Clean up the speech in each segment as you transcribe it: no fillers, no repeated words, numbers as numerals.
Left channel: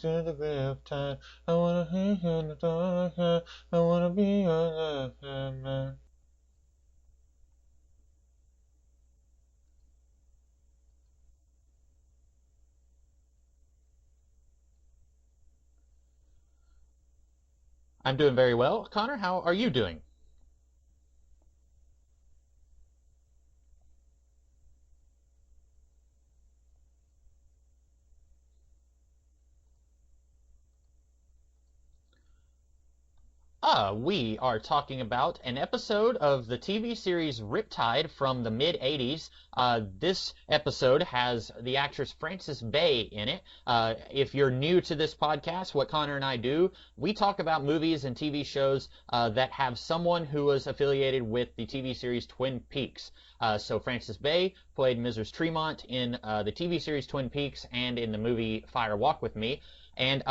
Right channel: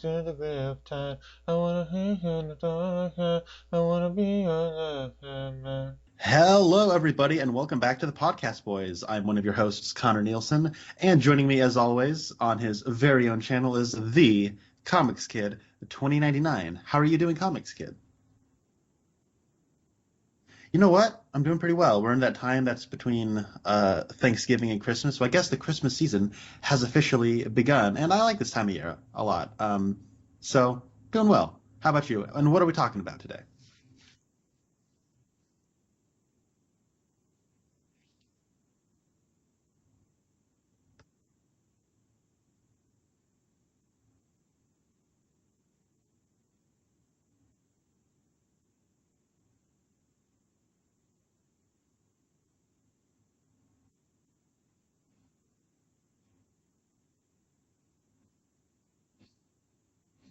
to the Riptide. I wanna hear you in the dark. I wanna be your left hand man. Hello, everybody, and welcome back to the Podcast Boys. I'm one of your hosts, Connor Nielsen, and joining me, as always, on his very own channel is the Comics Kid 2099. How are you doing, Comics Kid? I'm doing very well. Connor, how are you doing? You know what? I'm doing pretty well. We're in that time that's between Thanksgiving and Christmas, so I guess the Christmas season has officially begun, and I like this time of year a lot. So, doing well. How about you? And what are we talking about today? We are talking about an episode of the TV series Riptide from the mid-'80s. This episode has the actress Frances Bay in it. If you're new to this podcast, what Connor and I do, we talk about movies and TV shows that have someone who was affiliated with the TV series Twin Peaks. So Frances Bay played Mrs. Tremont in the TV series Twin Peaks and in the movie Fire Walk with Me. And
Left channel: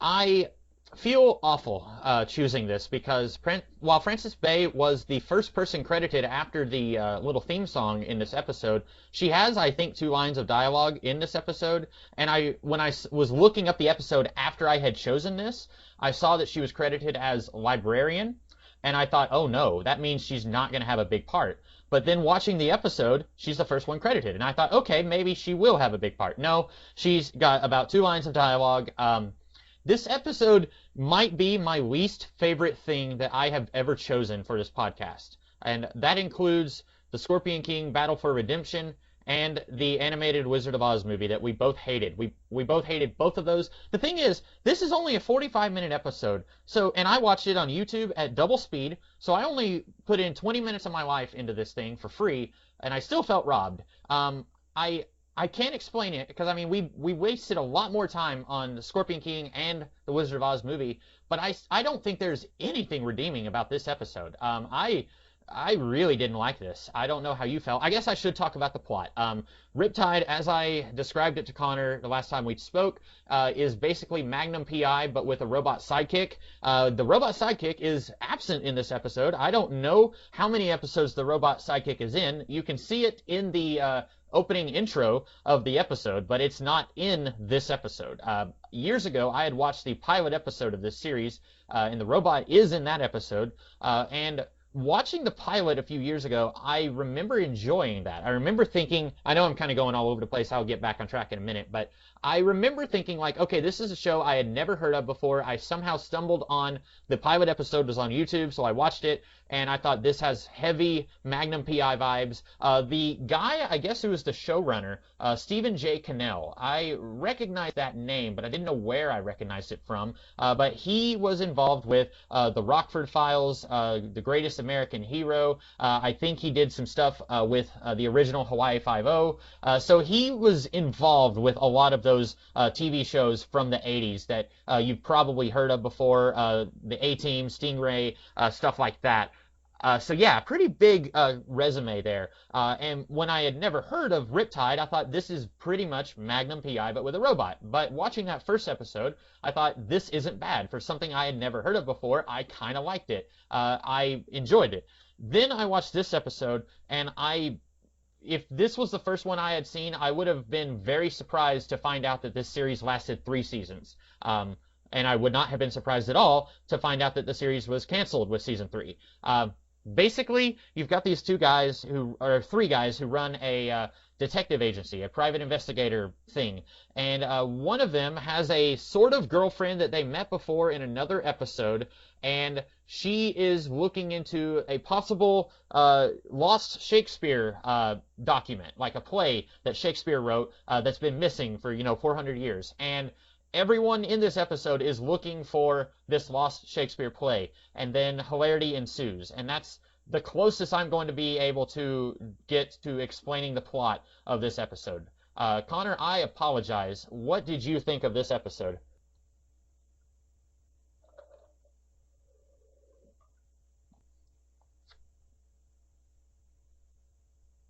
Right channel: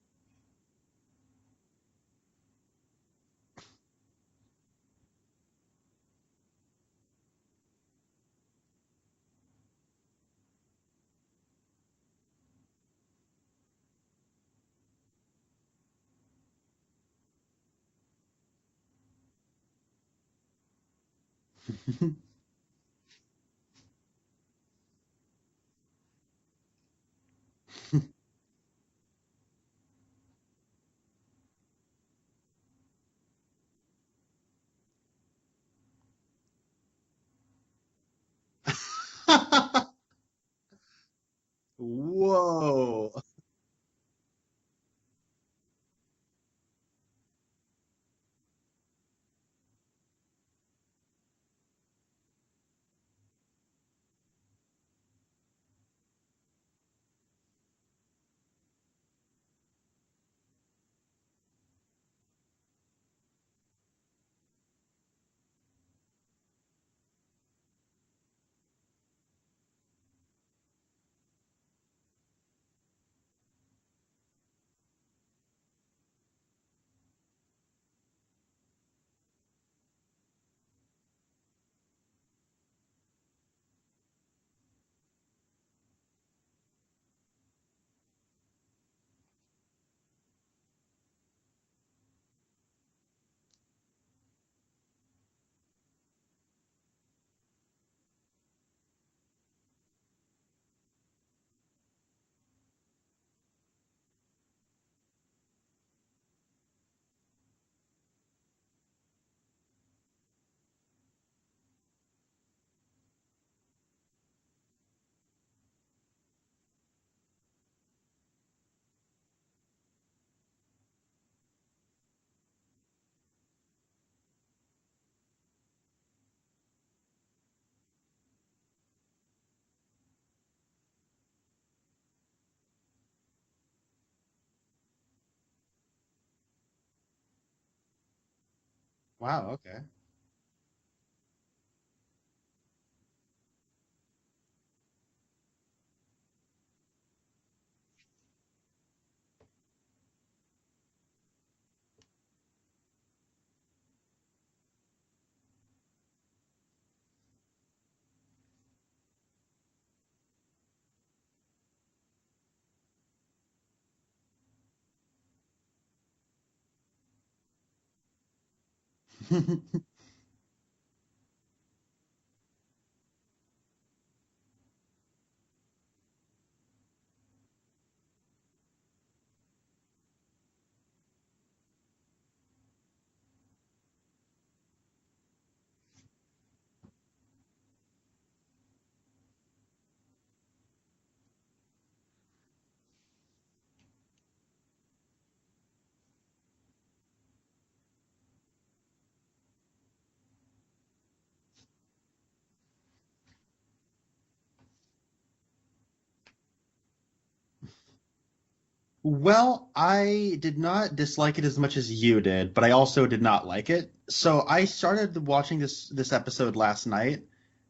I feel awful choosing this because while Frances Bay was the first person credited after the little theme song in this episode, she has, I think, 2 lines of dialogue in this episode. And when I was looking up the episode after I had chosen this, I saw that she was credited as librarian. And I thought, oh no, that means she's not going to have a big part. But then watching the episode, she's the first one credited. And I thought, okay, maybe she will have a big part. No, she's got about 2 lines of dialogue. This episode might be my least favorite thing that I have ever chosen for this podcast. And that includes the Scorpion King Battle for Redemption and the animated Wizard of Oz movie that we both hated. We both hated both of those. The thing is, this is only a 45-minute episode. And I watched it on YouTube at double speed, so I only put in 20 minutes of my life into this thing for free, and I still felt robbed. I can't explain it because, I mean, we wasted a lot more time on the Scorpion King and the Wizard of Oz movie, but I don't think there's anything redeeming about this episode. I really didn't like this. I don't know how you felt. I guess I should talk about the plot. Riptide, as I described it to Connor the last time we spoke, is basically Magnum P.I., but with a robot sidekick. The robot sidekick is absent in this episode. I don't know how many episodes the robot sidekick is in. You can see it in the opening intro of the episode, but it's not in this episode. Years ago, I had watched the pilot episode of this series, and the robot is in that episode, and watching the pilot a few years ago, I remember enjoying that. I remember thinking, I know I'm kind of going all over the place, I'll get back on track in a minute, but I remember thinking like, okay, this is a show I had never heard of before. I somehow stumbled on the pilot episode, was on YouTube, so I watched it, and I thought this has heavy Magnum P.I. vibes. The guy, I guess, who was the showrunner, Stephen J. Cannell, I recognized that name, but I didn't know where I recognized it from. But he was involved with the Rockford Files, The Greatest American Hero. I think he did some stuff with the original Hawaii Five-0. So he was involved with a lot of those TV shows from the 80s that you've probably heard of before, the A-Team, Stingray, stuff like that. Wow, okay. So yeah, pretty big resume there. And when I had never heard of Riptide, I thought this is pretty much Magnum P.I. but with a robot. But watching that first episode, I thought this isn't bad. For something I had never heard of before, I kind of liked it. I enjoyed it. Then I watched this episode, and if this was the first one I had seen, I would have been very surprised to find out that this series lasted 3 seasons. And I would not have been surprised at all to find out that the series was canceled with season 3. Basically, you've got these 3 guys who run a detective agency, a private investigator thing. And one of them has a sort of girlfriend that they met before in another episode, and she is looking into a possible lost Shakespeare document, like a play that Shakespeare wrote that's been missing for, 400 years. And everyone in this episode is looking for this lost Shakespeare play, and then hilarity ensues. And that's the closest I'm going to be able to get to explaining the plot of this episode. Connor, I apologize. What did you think of this episode? Well, I did not dislike it as much as you did, but I also did not like it. So I started watching this episode last night,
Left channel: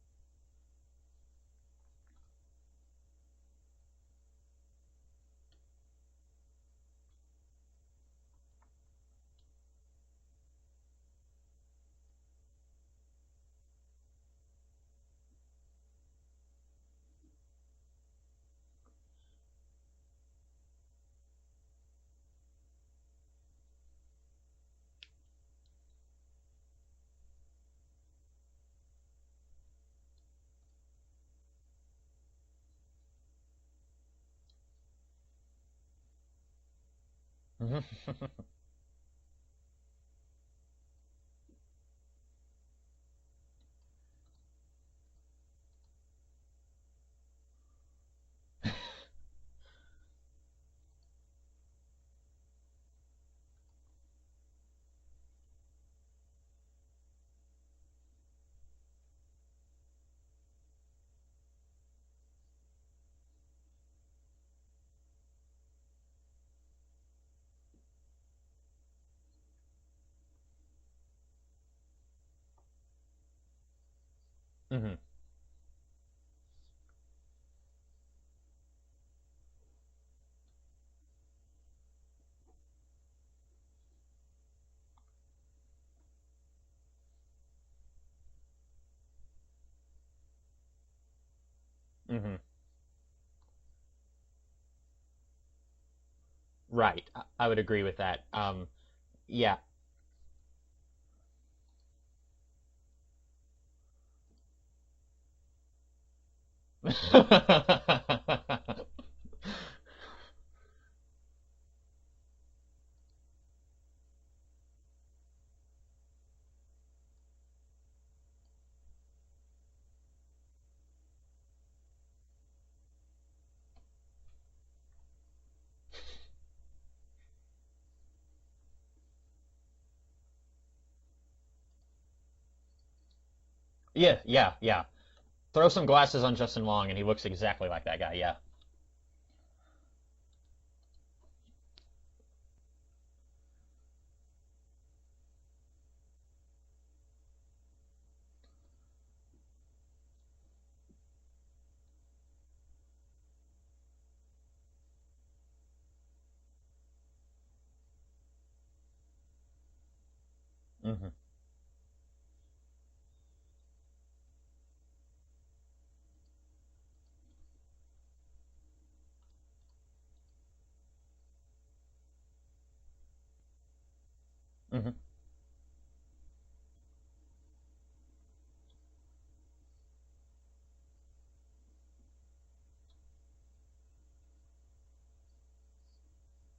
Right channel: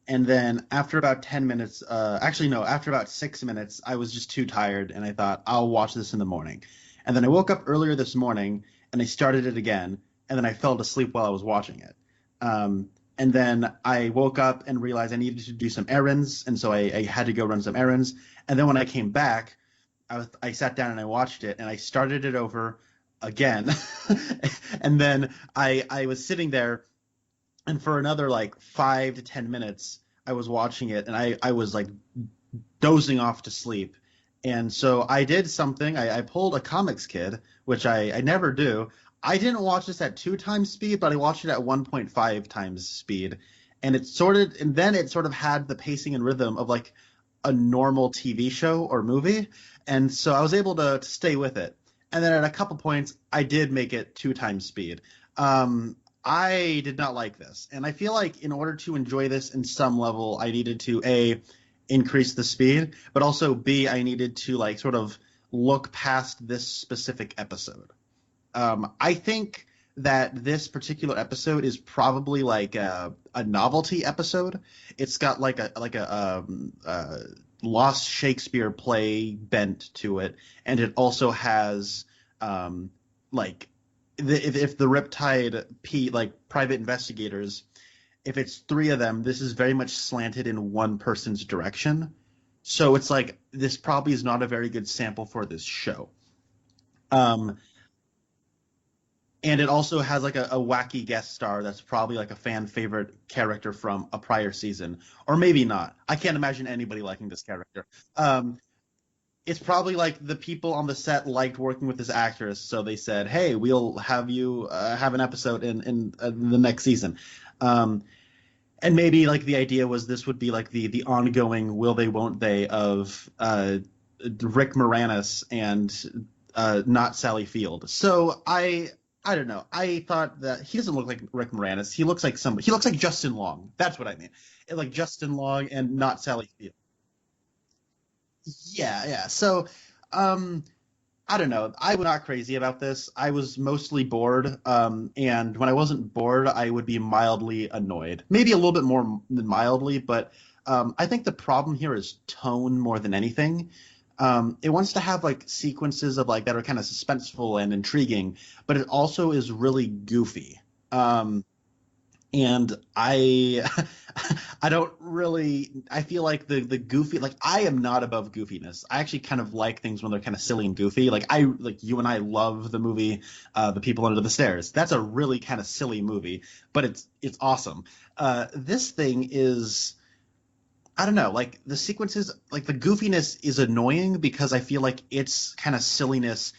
and then after about 10 minutes, after about 6 minutes, I was just too tired, and I thought, I'll watch this in the morning. And then I woke up earlier this morning, and I started it again, and then I fell asleep while I was watching it. And then I woke up and realized I needed to do some errands, and so I had to go run some errands. And then when I came back, I sat down and I watched it, and I started it over again, and then I was sitting there, and for another like 5 to 10 minutes, I was watching it, and I was like dozing off to sleep. And so I did something. I pulled a comics kid, which I never do. I didn't watch this at 2 times speed, but I watched it at 1.5 times speed. And then it sort of had the pacing and rhythm of like a normal TV show or movie. And so I was able to stay with it. And then at a couple points, I did make it 2 times speed. I did not like this. And I feel like in order to enjoy this in some level, I needed to increase the speed, but also B, I needed to like sort of look past this specific episode. I think that this particular episode is probably like a novelty episode. It's got like a lost Shakespeare play bent to it, and it also has like if the Riptide private investigators, if it's 3 of them, this is very much slanted in one person's direction. So it's like this probably is not a very good sample for this show. Right. I would agree with that. Yeah. And it also has like a wacky guest star that's probably like a fan favorite character from a prior season, or maybe not. I can't imagine anybody liking this character. It's probably like the people on the set liked working with this actress, so they said, "Hey, we'll have you have an episode in the next season." And maybe like the idea was this would be like the ongoing will they won't they of Rick Moranis and not Sally Field. So I don't know. I thought that he doesn't look like Rick Moranis. He looks like somebody. He looks like Justin Long. That's what I mean. Yeah. Like Justin Long. Throw some glasses on Sally Justin Field. Long, and he looks exactly like that guy. Yeah. Yeah. So, I don't know. I was not crazy about this. I was mostly bored. And when I wasn't bored, I would be mildly annoyed. Maybe a little bit more than mildly, but I think the problem here is tone more than anything. It wants to have like sequences of like that are kind of suspenseful and intriguing, but it also is really goofy. And I don't really, I feel like the goofy, like I am not above goofiness. I actually kind of like things when they're kind of silly and goofy. Like you and I love the movie The People Under the Stairs. That's a really kind of silly movie, but it's awesome. This thing is, I don't know, like the sequences, like the goofiness is annoying because I feel like its kind of silliness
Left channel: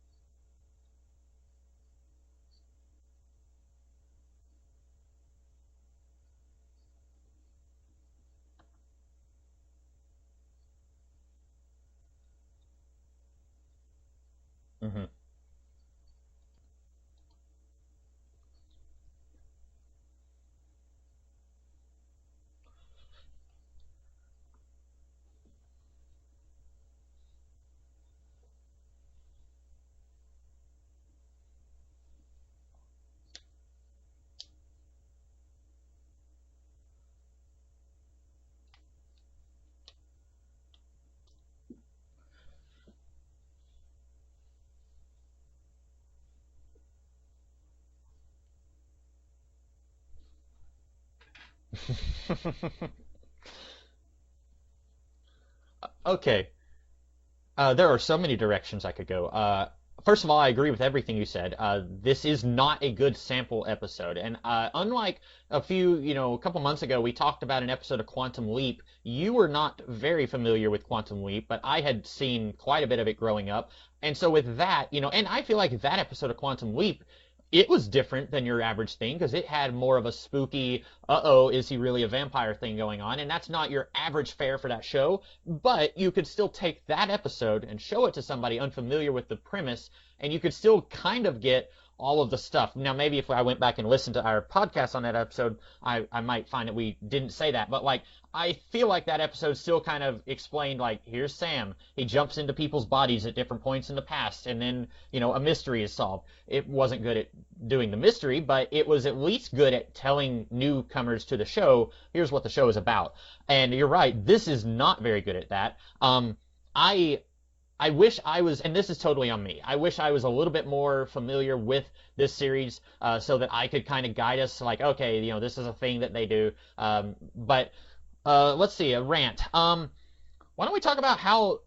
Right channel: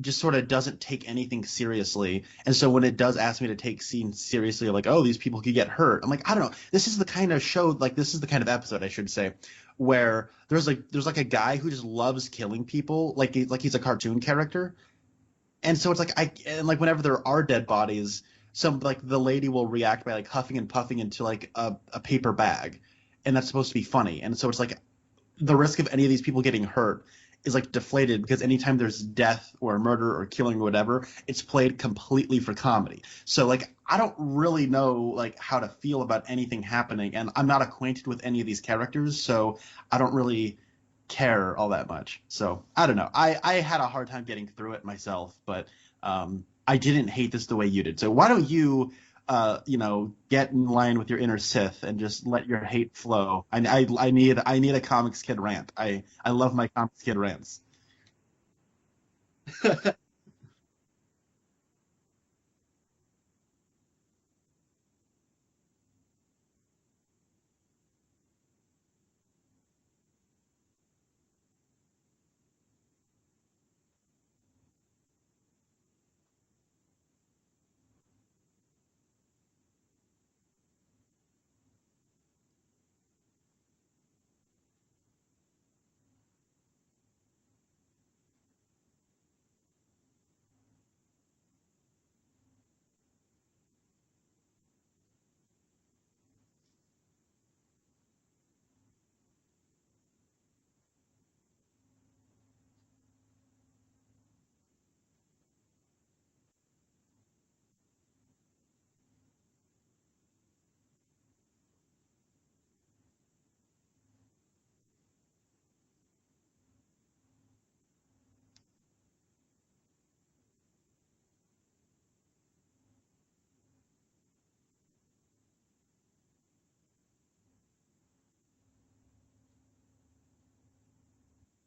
just sort of doesn't take anything seriously. And so when it does ask me to take scenes seriously, like, oh, these people could get hurt, I'm like, I don't know. This is the kind of show, like this is the kind of episode, I should say, where there's like a guy who just loves killing people, like he's a cartoon character. And so it's like whenever there are dead bodies, the lady will react by like huffing and puffing into like a paper bag. And that's supposed to be funny. And so it's like the risk of any of these people getting hurt is like deflated because anytime there's death or murder or killing or whatever, it's played completely for comedy. So like I don't really know like how to feel about anything happening, and I'm not acquainted with any of these characters, so I don't really care all that much. So I don't know. I had a hard time getting through it myself, but I didn't hate this the way you did. So why don't you get in line with your inner Sith and just let your hate flow. I need a comics kid rant. I love my comics kid rants. There are so many directions I could go. First of all, I agree with everything you said. This is not a good sample episode, and unlike a couple months ago, we talked about an episode of Quantum Leap. You were not very familiar with Quantum Leap, but I had seen quite a bit of it growing up, and so with that, and I feel like that episode of Quantum Leap, it was different than your average thing because it had more of a spooky, is he really a vampire thing going on, and that's not your average fare for that show, but you could still take that episode and show it to somebody unfamiliar with the premise, and you could still kind of get all of the stuff. Now, maybe if I went back and listened to our podcast on that episode, I might find that we didn't say that, but like, I feel like that episode still kind of explained, like, here's Sam. He jumps into people's bodies at different points in the past, and then, a mystery is solved. It wasn't good at doing the mystery, but it was at least good at telling newcomers to the show, here's what the show is about. And you're right, this is not very good at that. I wish I was, and this is totally on me, I wish I was a little bit more familiar with this series so that I could kind of guide us, like, okay, this is a thing that they do. But let's see, a rant. Why don't we talk about how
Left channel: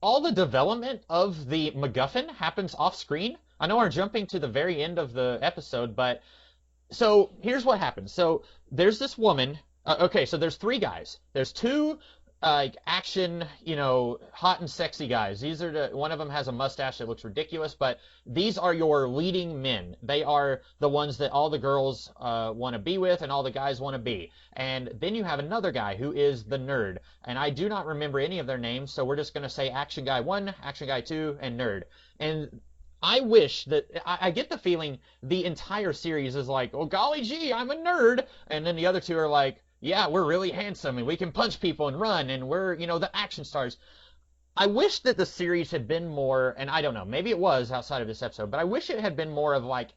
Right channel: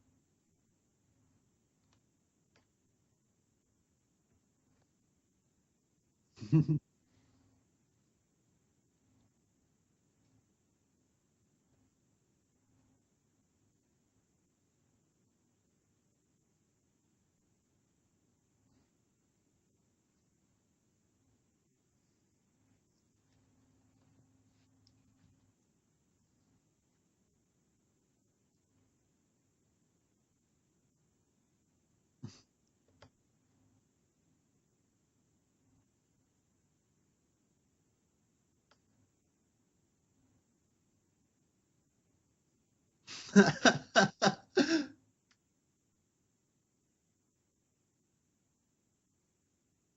all the development of the MacGuffin happens off screen. I know we're jumping to the very end of the episode, but so here's what happens. So there's this woman. Okay, so there's three guys. There's two action, hot and sexy guys. These are one of them has a mustache that looks ridiculous, but these are your leading men. They are the ones that all the girls want to be with and all the guys want to be. And then you have another guy who is the nerd. And I do not remember any of their names, so we're just going to say Action Guy 1, Action Guy 2, and Nerd. And I wish that I get the feeling the entire series is like, oh golly gee, I'm a nerd, and then the other two are like, yeah, we're really handsome and we can punch people and run and we're the action stars. I wish that the series had been more, and I don't know, maybe it was outside of this episode, but I wish it had been more of like,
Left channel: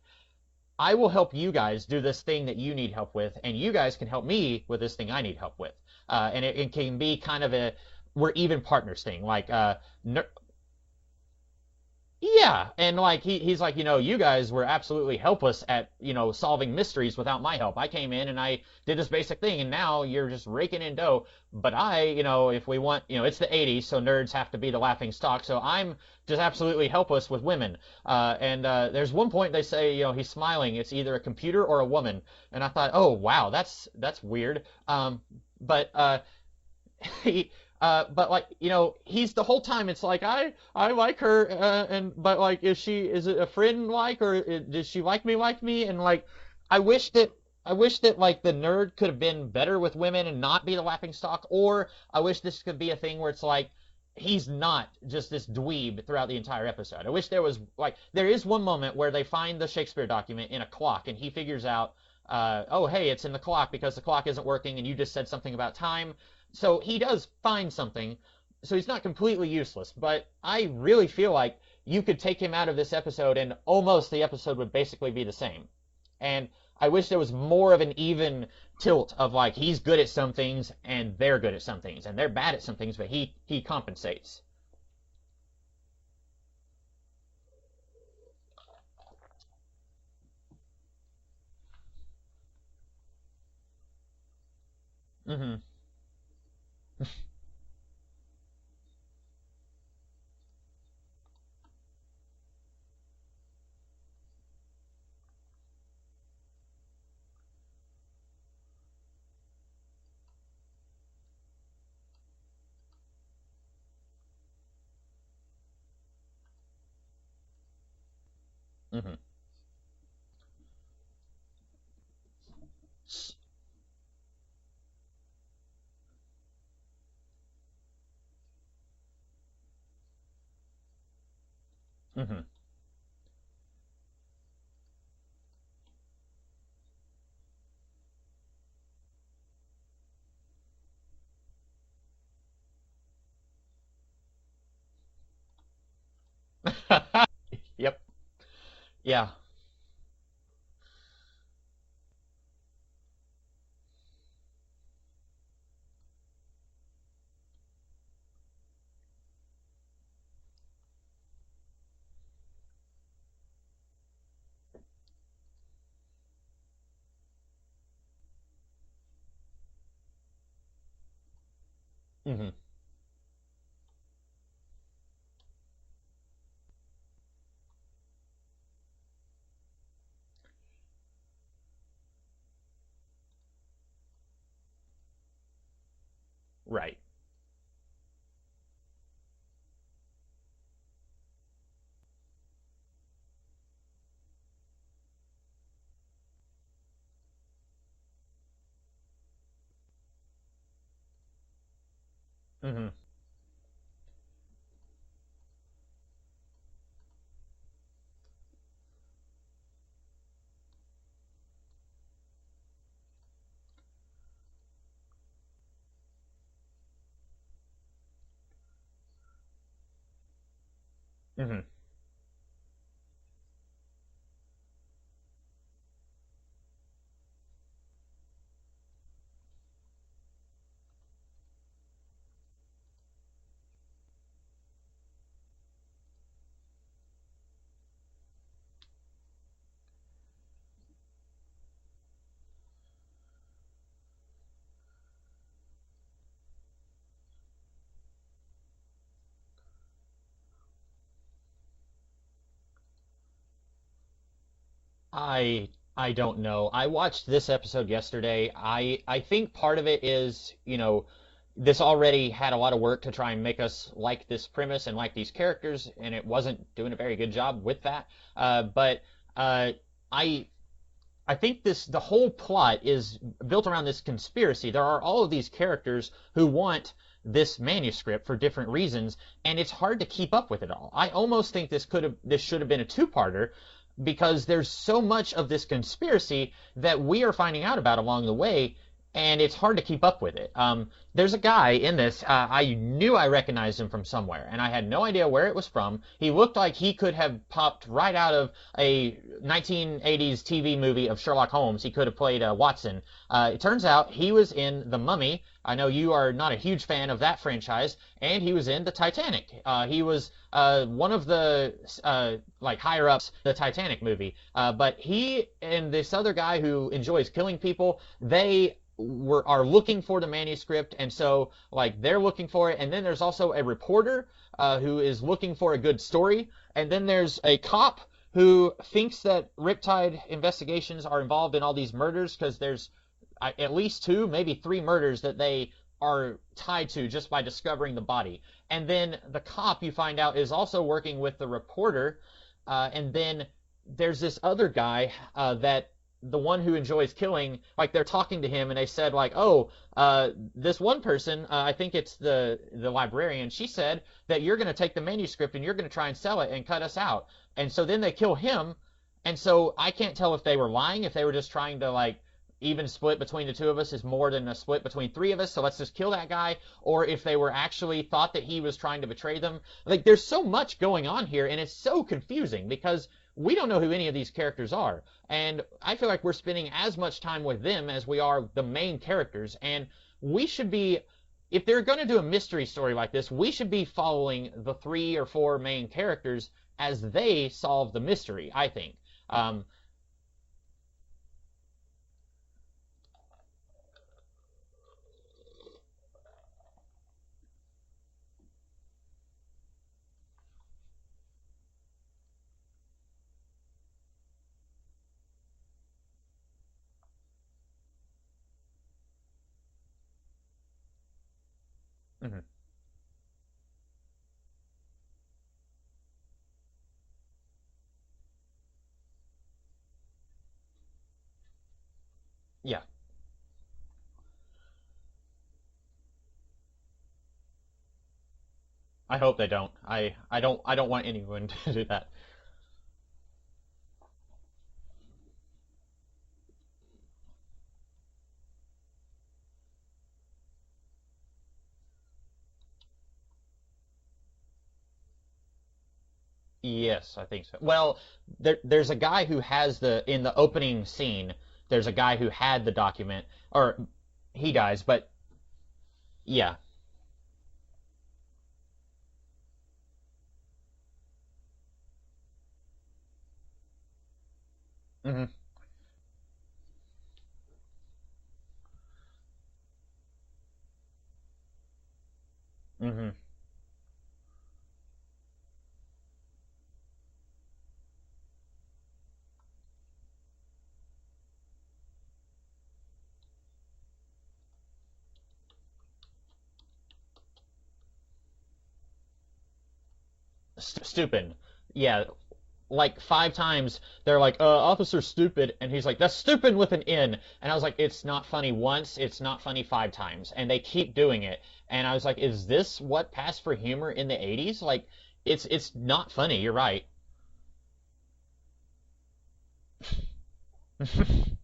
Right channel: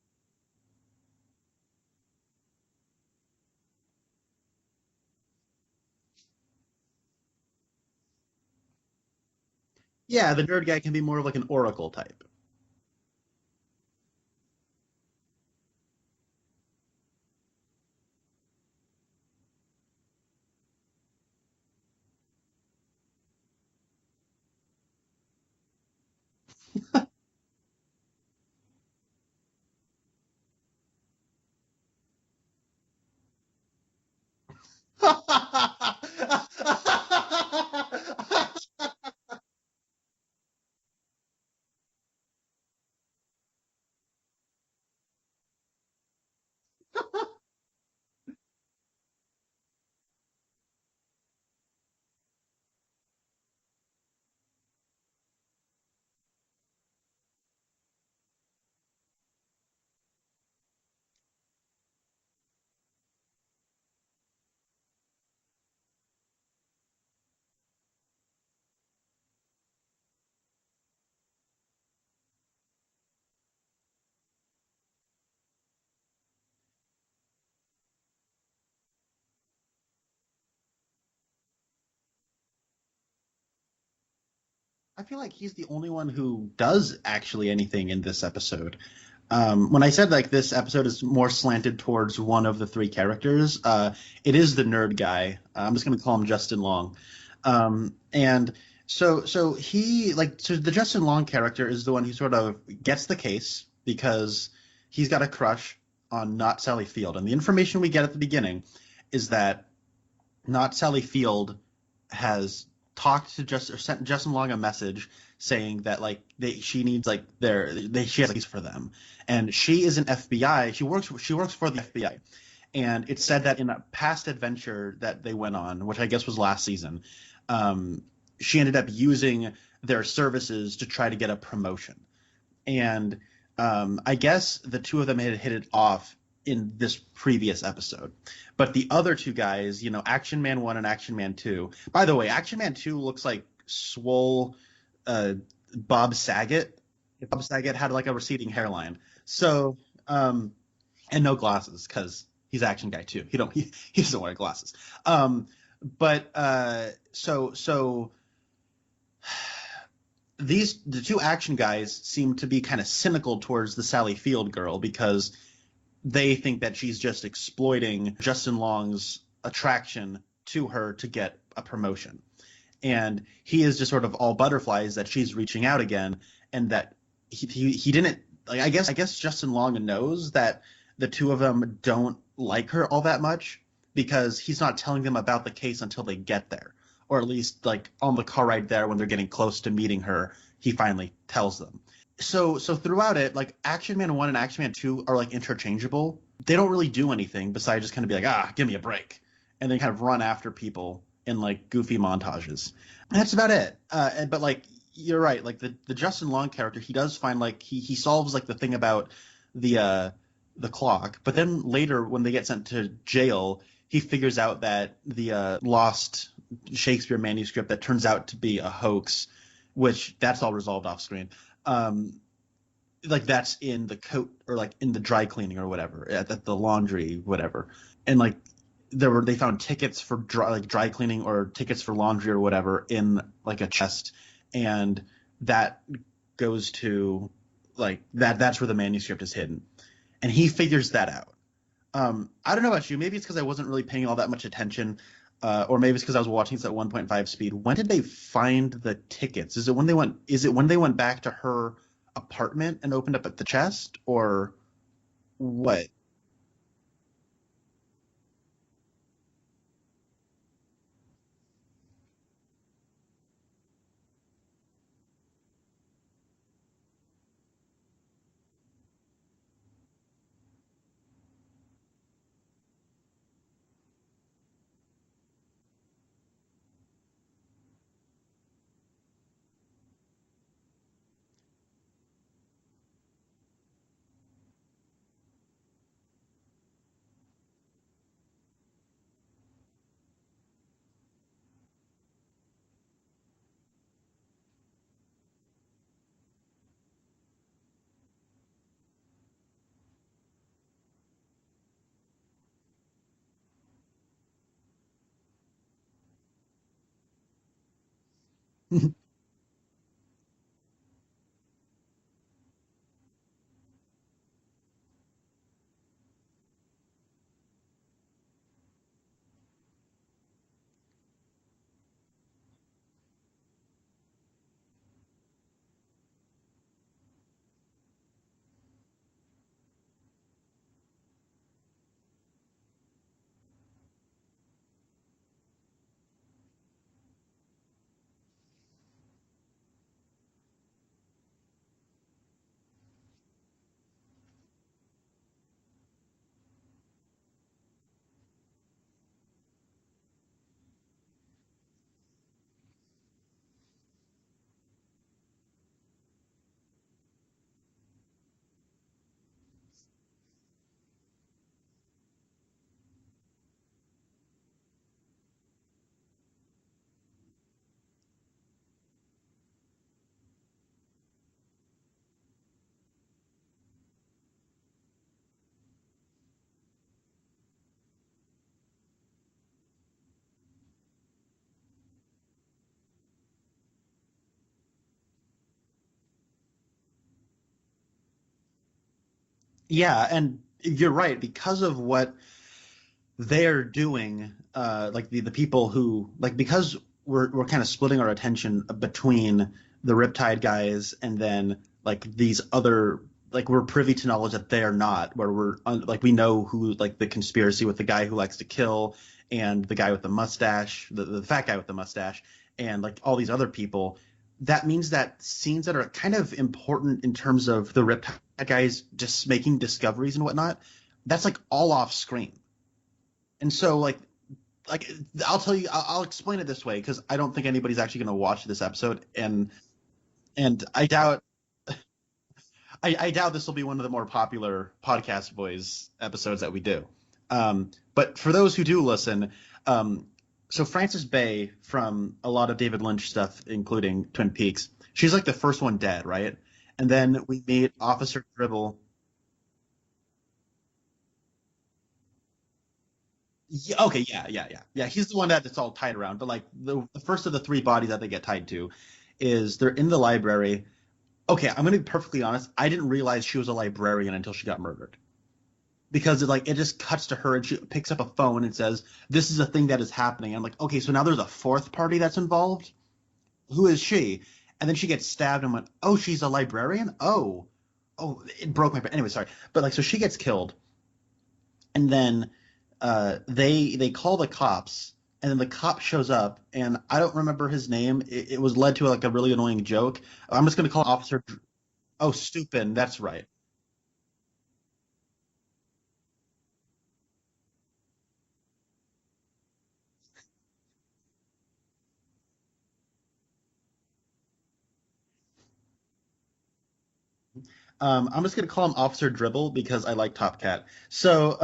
I will help you guys do this thing that you need help with, and you guys can help me with this thing I need help with. And it can be kind of we're even partners thing. Like, yeah, the nerd guy can be more of like an oracle type. yeah, and like he's like, you guys were absolutely helpless at, solving mysteries without my help. I came in and I did this basic thing, and now you're just raking in dough. But if we want, it's the 80s, so nerds have to be the laughing stock. So I'm just absolutely helpless with women. And there's one point they say, he's smiling. It's either a computer or a woman. And I thought, oh wow, that's weird. But like, he's the whole time. It's like I like her, but like, is it a friend like, or does she like me? And like, I wish that like the nerd could have been better with women and not be the laughing stock, or I wish this could be a thing where it's like he's not just this dweeb throughout the entire episode. I wish there was like, there is one moment where they find the Shakespeare document in a clock and he figures out, oh hey, it's in the clock because the clock isn't working and you just said something about time. So he does find something. So he's not completely useless, but I really feel like you could take him out of this episode and almost the episode would basically be the same. And I wish there was more of an even tilt of like, he's good at some things and they're good at some things and they're bad at some things, but he compensates. I feel like he's the only one who does actually anything in this episode. When I said like this episode is more slanted towards one of the three characters, it is the nerd guy. Mm-hmm. I'm just going to call him Justin Long. And so the Justin Long character is the one who sort of gets the case because he's got a crush on Not Sally Field. And the information we get at the beginning is that Not Sally Field has talked to sent Justin Long a message saying that like she needs like she has a case for them. Mm-hmm. And she is an FBI. She works for the FBI. And it's said that in a past adventure that they went on, which I guess was last season, she ended up using their services to try to get a promotion. Mm-hmm. And I guess the two of them had hit it off in this previous episode. But the other two guys, Action Man 1 and Action Man 2. By the way, Action Man 2 looks like swole Bob Saget. Bob Saget had like a receding hairline. Yeah. So, and no glasses because he's Action Guy 2. He doesn't wear glasses. The two action guys seem to be kind of cynical towards the Sally Field girl because they think that she's just exploiting Justin Long's attraction to her to get a promotion. Mm-hmm. And he is just sort of all butterflies that she's reaching out again, and that he didn't like. I guess Justin Long knows that the two of them don't like her all that much because he's not telling them about the case until they get there. Right. Or at least like on the car ride there when they're getting close to meeting her, he finally tells them. So throughout it, like Action Man 1 and Action Man 2 are like interchangeable. They don't really do anything besides just kind of be like, give me a break. And then kind of run after people in like goofy montages. Mm-hmm. And that's about it. But like, you're right. Like the Justin Long character, he does find like he solves like the thing about the clock. But then later when they get sent to jail, he figures out that the lost Shakespeare manuscript that turns out to be a hoax, which that's all resolved off screen. Mm-hmm. Like that's in the coat or like in the dry cleaning or whatever at the laundry, whatever. And like they found tickets for dry cleaning or tickets for laundry or whatever in like a chest. And that goes to like that's where the manuscript is hidden. And he figures that out. I don't know about you. Maybe it's because I wasn't really paying all that much attention. or maybe it's because I was watching this at 1.5 speed. When did they find the tickets? Is it when they went? Is it when they went back to her apartment and opened up at the chest, or I what? I don't know. I watched this episode yesterday. I think part of it is, this already had a lot of work to try and make us like this premise and like these characters, and it wasn't doing a very good job with that. But I I think the whole plot is built around this conspiracy. There are all of these characters who want this manuscript for different reasons, and it's hard to keep up with it all. I almost think this should have been a two-parter because there's so much of this conspiracy that we are finding out about along the way, and it's hard to keep up with it. There's a guy in this. I knew I recognized him from somewhere, and I had no idea where it was from. He looked like he could have popped right out of a 1980s TV movie of Sherlock Holmes. He could have played Watson. It turns out he was in The Mummy. I know you are not a huge fan of that franchise, and he was in the Titanic. He was one of the like higher ups the Titanic movie. But he and this other guy who enjoys killing people, they are looking for the manuscript, and so like they're looking for it. And then there's also a reporter who is looking for a good story, and then there's a cop who thinks that Riptide investigations are involved in all these murders because there's at least two, maybe three murders that they are tied to just by discovering the body. And then the cop, you find out, is also working with the reporter. And then there's this other guy that the one who enjoys killing, like they're talking to him and they said like, oh, this one person, I think it's the librarian, she said that you're going to take the manuscript and you're going to try and sell it and cut us out. And so then they kill him. And so I can't tell if they were lying, if they were just trying to like even split between the two of us is more than a split between three of us, so let's just kill that guy, or if they were actually thought that he was trying to betray them. Like there's so much going on here, and it's so confusing because we don't know who any of these characters are, and I feel like we're spending as much time with them as we are the main characters, and we should be, if they're going to do a mystery story like this, we should be following the 3 or 4 main characters as they solve the mystery, I think. Yeah, and you're right, because of what they're doing, like the people who, like, because we're kind of splitting our attention between the Riptide guys and then like these other, like, we're privy to knowledge that they're not, where like we know who, like the conspiracy with the guy who likes to kill and the guy with the mustache, the fat guy with the mustache, and like all these other people. That means that scenes that are kind of important in terms of the Riptide guys just making discoveries and whatnot, that's like all off screen. Yeah. And so, like I'll tell you, I'll explain it this way because I don't think anybody's actually going to watch this episode. I hope they don't. I don't want anyone to do that. I doubt this will be one of the more popular Podcast Boys episodes that we do. But for those who do listen, so Frances Bay from a lot of David Lynch stuff, including Twin Peaks, she's like the first one dead, right? Yes, and then we meet well, Officer Dribble. There's a guy who has in the opening scene. There's a guy who had the document. Or okay, yeah. He dies. Yeah, but he's the one that's all tied around. But like yeah. the first of the 3 bodies that they get tied to is they're in the library. Okay, I'm gonna be perfectly honest. I didn't realize she was a librarian until she got murdered. Mm-hmm. Because it just cuts to her and she picks up a phone and says, "This is a thing that is happening." I'm like, okay, so now there's a 4th party that's involved. Mm-hmm. Who is she? And then she gets stabbed and went, "Oh, she's a librarian. Oh, it broke my brain." Anyway, sorry, but like, so she gets killed, and then they call the cops, and then the cop shows up, and I don't remember his name. It was led to like a really annoying joke. I'm just gonna call him Officer. Yeah. Oh, Stupid. Like that's right. 5 times they're like, Officer Stupid, and he's like, that's stupid with an N. And I was like, it's not funny once, it's not funny 5 times, and they keep doing it. And I was like, is this what passed for humor in the 80s? Like, it's not funny. You're right. I'm just gonna call him Officer Dribble because I like Top Cat. So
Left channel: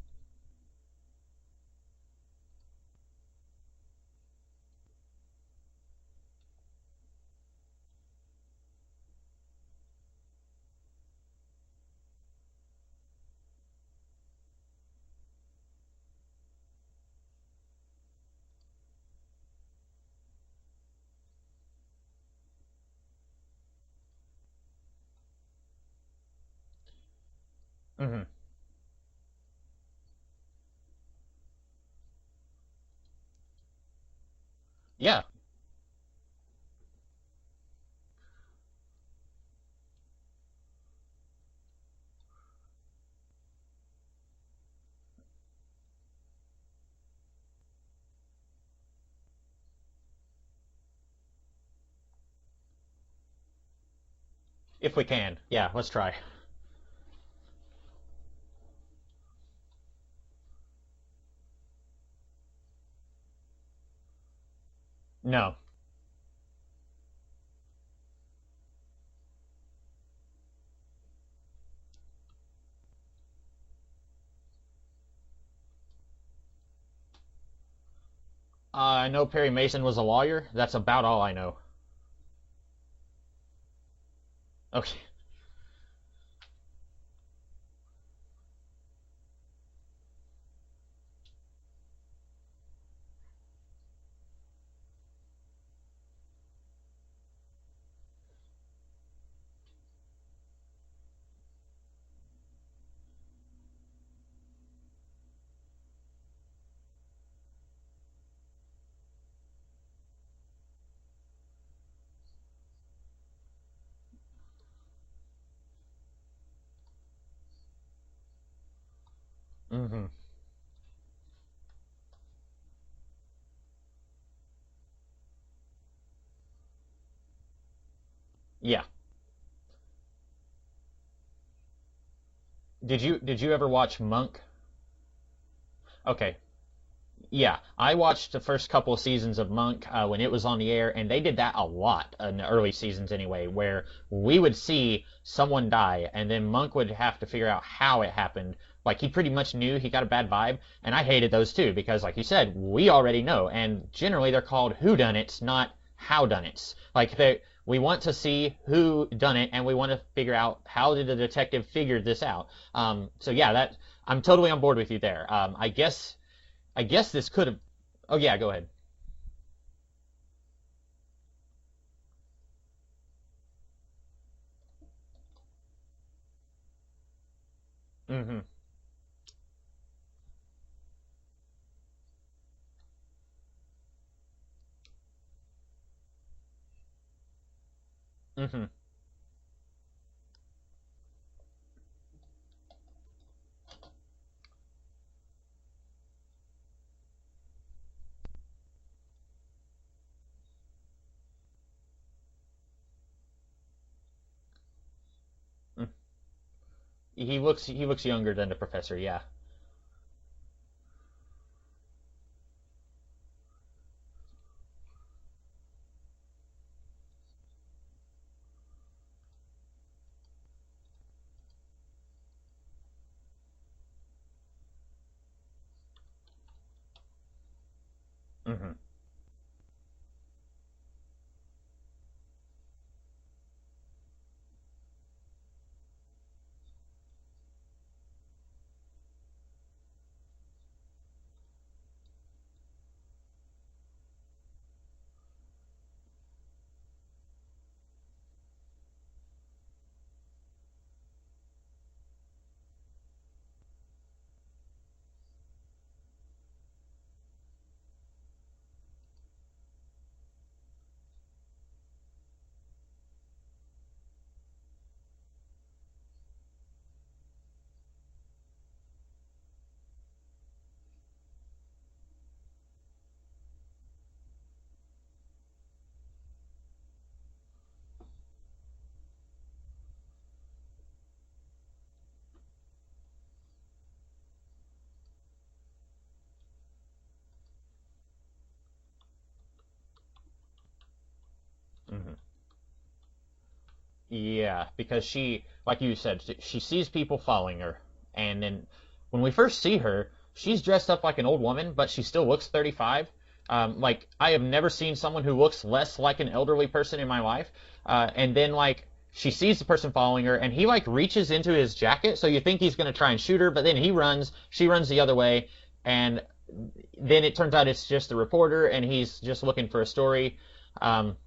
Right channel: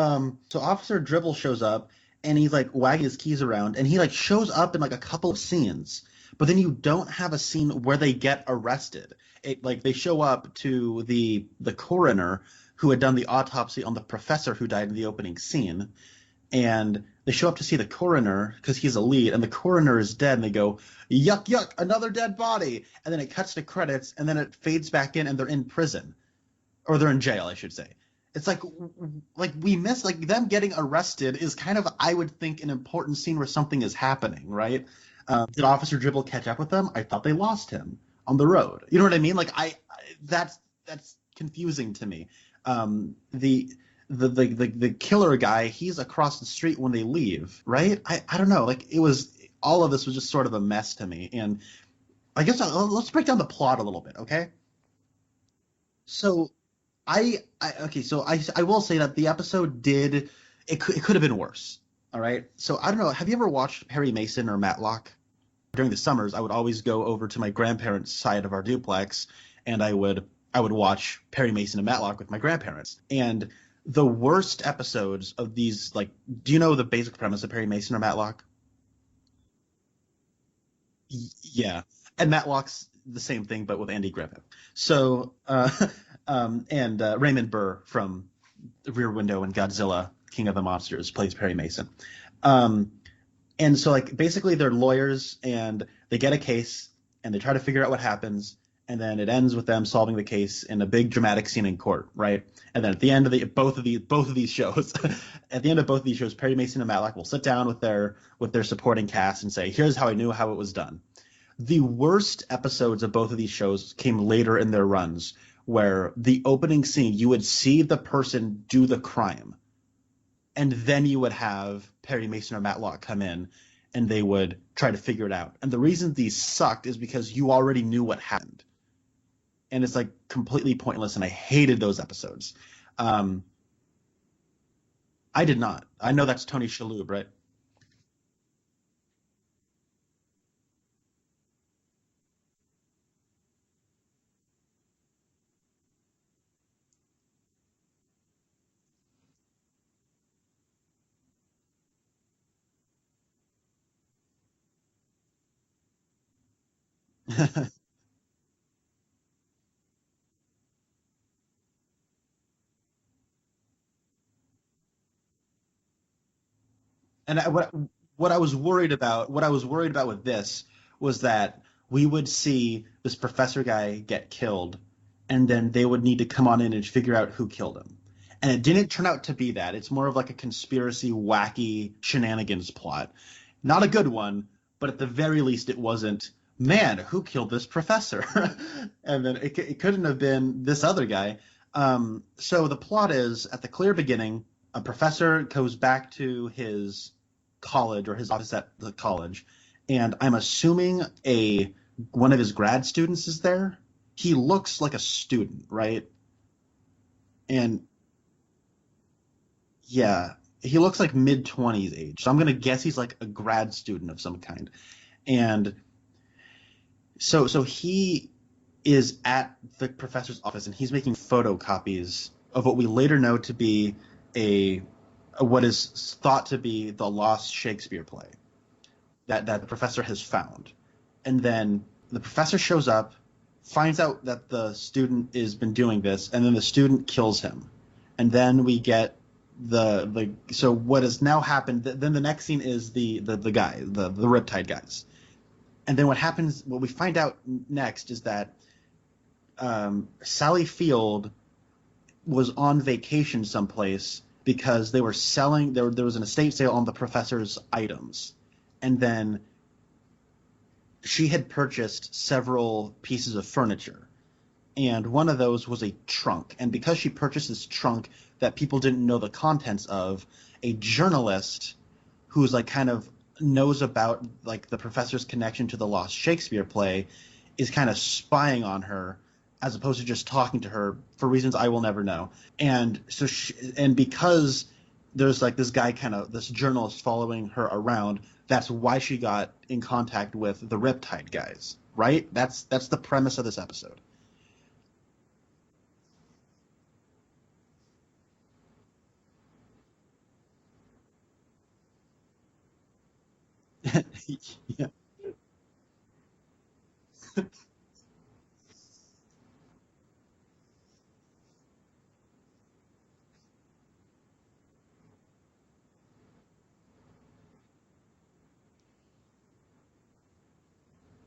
Officer Dribble shows up and he's like wagging his keys around, and he like shows up in like a couple of scenes, but then you don't have a scene where they get arrested. Like they show up to the coroner who had done the autopsy on the professor who died in the opening scene, and they show up to see the coroner because he's a lead, and the coroner is dead, and they go, "Yuck, yuck, another dead body," and then it cuts to credits, and then it fades back in, and they're in prison. or they're in jail, I should say. Mm-hmm. It's like we miss, like, them getting arrested is kind of, I would think, an important scene where something is happening, right? Yeah. Did Officer Dribble catch up with them? I thought they lost him on the road. You know what I mean? Like, that's confusing to me. The killer guy, he's across the street when they leave, right? I don't know. Like, it was, all of this was just sort of a mess to me. And I guess let's break down the plot a little bit, okay? If we can. Yeah, let's try. So I will say that the episode it could have been worse. All right. So I don't know. Have you ever watched Perry Mason or Matlock? No. During the summers, I would always go over to my grandparents' side of our duplex, and I would watch Perry Mason and Matlock with my grandparents. And the worst episodes of these, like, do you know the basic premise of Perry Mason or Matlock? I know Perry Mason was a lawyer. That's about all I know. Yeah. And Matlock's the same thing, but with Andy Griffith. Okay. So, and Raymond Burr from Rear Window and Godzilla, King of the Monsters, plays Perry Mason. And so, like, basically they're lawyers, and they get a case, and they try to figure out what happens, and then it ends with them solving the case in a big dramatic scene in court, right? And then at the end of both of these shows, at the end of both of these shows, Perry Mason and Matlock will sit down with their supporting cast and say, "Here's how I knew how it was done." The worst episodes of both of these shows came later in their runs, where the opening scene, you would see the person do the crime, Mm-hmm. and then you would have Perry Mason or Matlock come in, and they would try to figure it out. And the reason these sucked is because you already knew what happened. Yeah. And it's, like, completely pointless, and I hated those episodes. Did you ever watch Monk? I did not. I know Okay. that's Tony Shalhoub, right? Yeah, I watched the first couple of seasons of Monk when it was on the air, and they did that a lot in the early seasons anyway, where we would see someone die, and then Monk would have to figure out how it happened. Like, he pretty much knew he got a bad vibe, and I hated those too, because, like you said, we already know, and generally they're called whodunits, not howdunnits. Like, we want to see who done it, and we want to figure out how did the detective figure this out. So yeah, I'm totally on board with you there. I guess this. And what I was ahead. worried about with this was that we would see this professor guy get killed, and then they would need to come on in and figure out who killed him. Mm-hmm. And it didn't turn out to be that. It's more of like a conspiracy, wacky shenanigans plot. Not a good one, but at the very least it wasn't, man, who killed this professor? Mm-hmm. And then it couldn't have been this other guy. So the plot is, at the clear beginning, a professor goes back to his college, or his office at the college, and I'm assuming one of his grad students is there. He looks like a student, right? He looks younger than the professor, yeah. Yeah, he looks like mid-20s age. So I'm gonna guess he's like a grad student of some kind. And so he is at the professor's office, and he's making photocopies of what we later know to be what is thought to be the lost Shakespeare play. Mm-hmm. that the professor has found. And then the professor shows up, finds out that the student has been doing this, and then the student kills him. And then we get so what has now happened, then the next scene is the guy, the Riptide guys. And then what we find out next is that Sally Field was on vacation someplace because they were selling, there was an estate sale on the professor's items. And then she had purchased several pieces of furniture, and one of those was a trunk. And because she purchased this trunk that people didn't know the contents of, a journalist who's like kind of knows about like the professor's connection to the lost Shakespeare play is kind of spying on her, as opposed to just talking to her for reasons I will never know. And so because there's like this guy, this journalist following her around, that's why she got in contact with the Riptide guys, right? That's the premise of this episode. Yeah, because she, like you said, she sees people following her, and then when we first see her, she's dressed up like an old woman, but she still looks 35. Like, I have never seen someone who looks less like an elderly person in my life. And then, like, she sees the person following her, and he, like, reaches into his jacket, so you think he's going to try and shoot her, but then she runs the other way, and then it turns out it's just the reporter, and he's just looking for a story.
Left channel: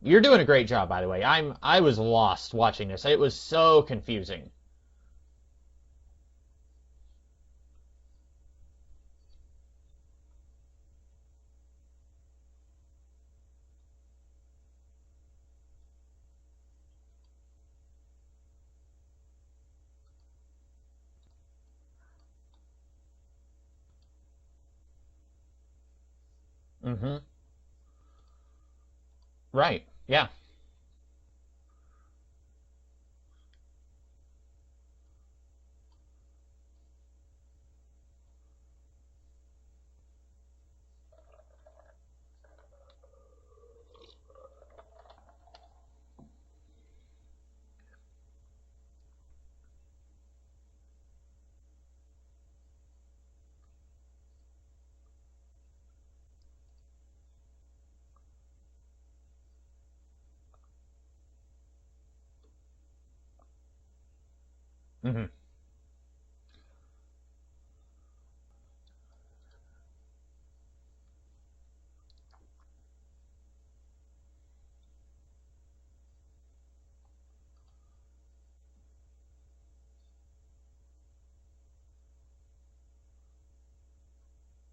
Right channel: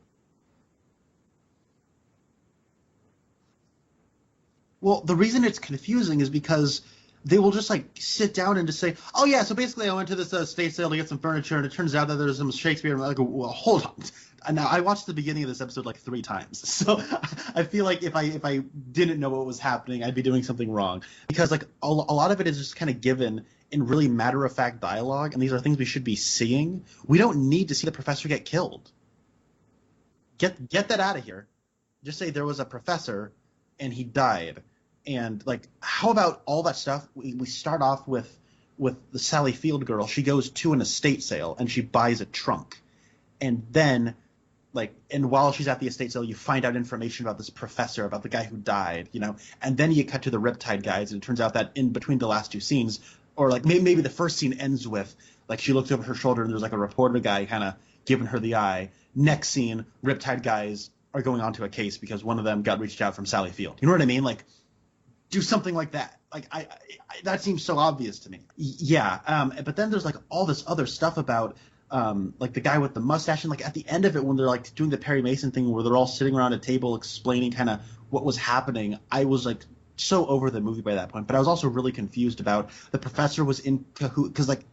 You're doing a great job, by the way. I was lost watching this. It was so confusing. Well, the reason it's confusing is because they will just like sit down and just say, "Oh yeah, so basically I went to this estate sale to get some furniture, and it turns out that there's some Shakespeare." And I'm like, well, hold on. And now I watched the beginning of this episode like 3 times, so I feel like if I didn't know what was happening, I'd be doing something wrong. Because like a lot of it is just kind of given in really matter of fact dialogue, and these are things we should be seeing. Mm-hmm. We don't need to see the professor get killed. Right. Yeah. Get that out of here. Just say there was a professor, and he died. And like, how about all that stuff? We start off with the Sally Field girl. She goes to an estate sale and she buys a trunk, and then and while she's at the estate sale, you find out information about this professor, about the guy who died, and then you cut to the Riptide guys, and it turns out that in between the last 2 scenes, or like maybe the first scene ends with like she looks over her shoulder and there's like a reporter guy kind of giving her the eye. Next scene, Riptide guys are going on to a case because one of them got reached out from Sally Field. You know what I mean? Like, do something like that. Like I that seems so obvious to me. Yeah. But then there's like all this other stuff about like the guy with the mustache, and like at the end of it when they're like doing the Perry Mason thing where they're all sitting around a table explaining kind of what was happening. I was like so over the movie by that point, but I was also really confused about the professor was in cahoot because like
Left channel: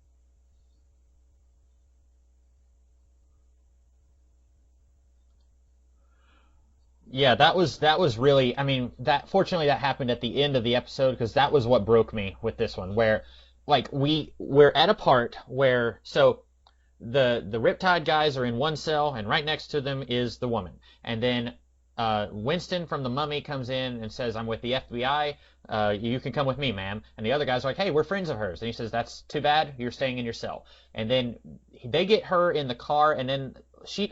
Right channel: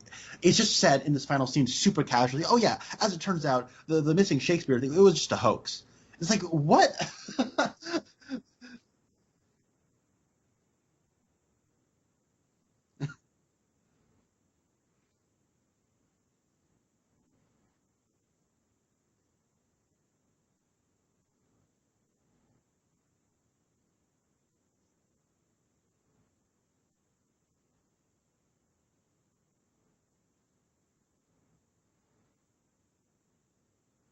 it's just said in this final scene super casually, oh yeah, as it turns out the missing Shakespeare thing, it was just a hoax. It's like, what? Yeah, that was really, I mean, fortunately that happened at the end of the episode, because that was what broke me with this one, where like we're at a part where the Riptide guys are in one cell, and right next to them is the woman, and then Winston from the Mummy comes in and says, "I'm with the FBI. You can come with me, ma'am." And the other guys are like, "Hey, we're friends of hers." And he says, "That's too bad. You're staying in your cell." And then they get her in the car, and then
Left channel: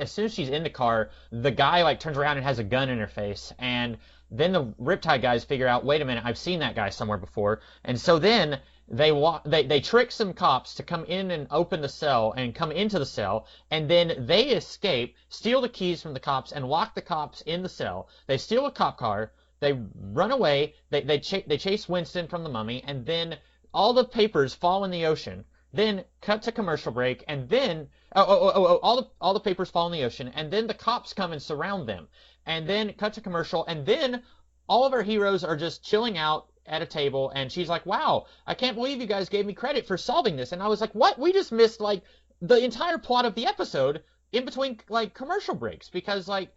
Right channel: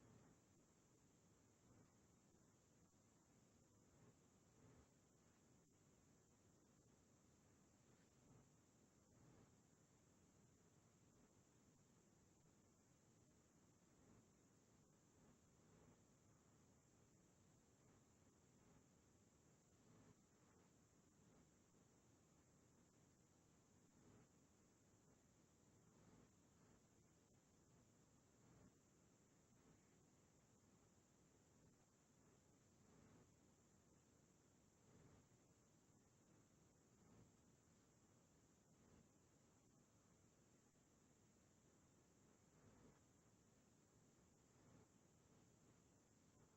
as soon as she's in the car, the guy like turns around and has a gun in her face, and then the Riptide guys figure out, wait a minute, I've seen that guy somewhere before, and so then they trick some cops to come in and open the cell and come into the cell, and then they escape, steal the keys from the cops, and lock the cops in the cell. They steal a cop car, they run away, they chase Winston from the Mummy, and then all the papers fall in the ocean. Then cut to commercial break, and then all the papers fall in the ocean, and then the cops come and surround them, and then cut to commercial, and then all of our heroes are just chilling out at a table, and she's like, "Wow, I can't believe you guys gave me credit for solving this." And I was like, "What? We just missed like the entire plot of the episode in between like commercial breaks, because like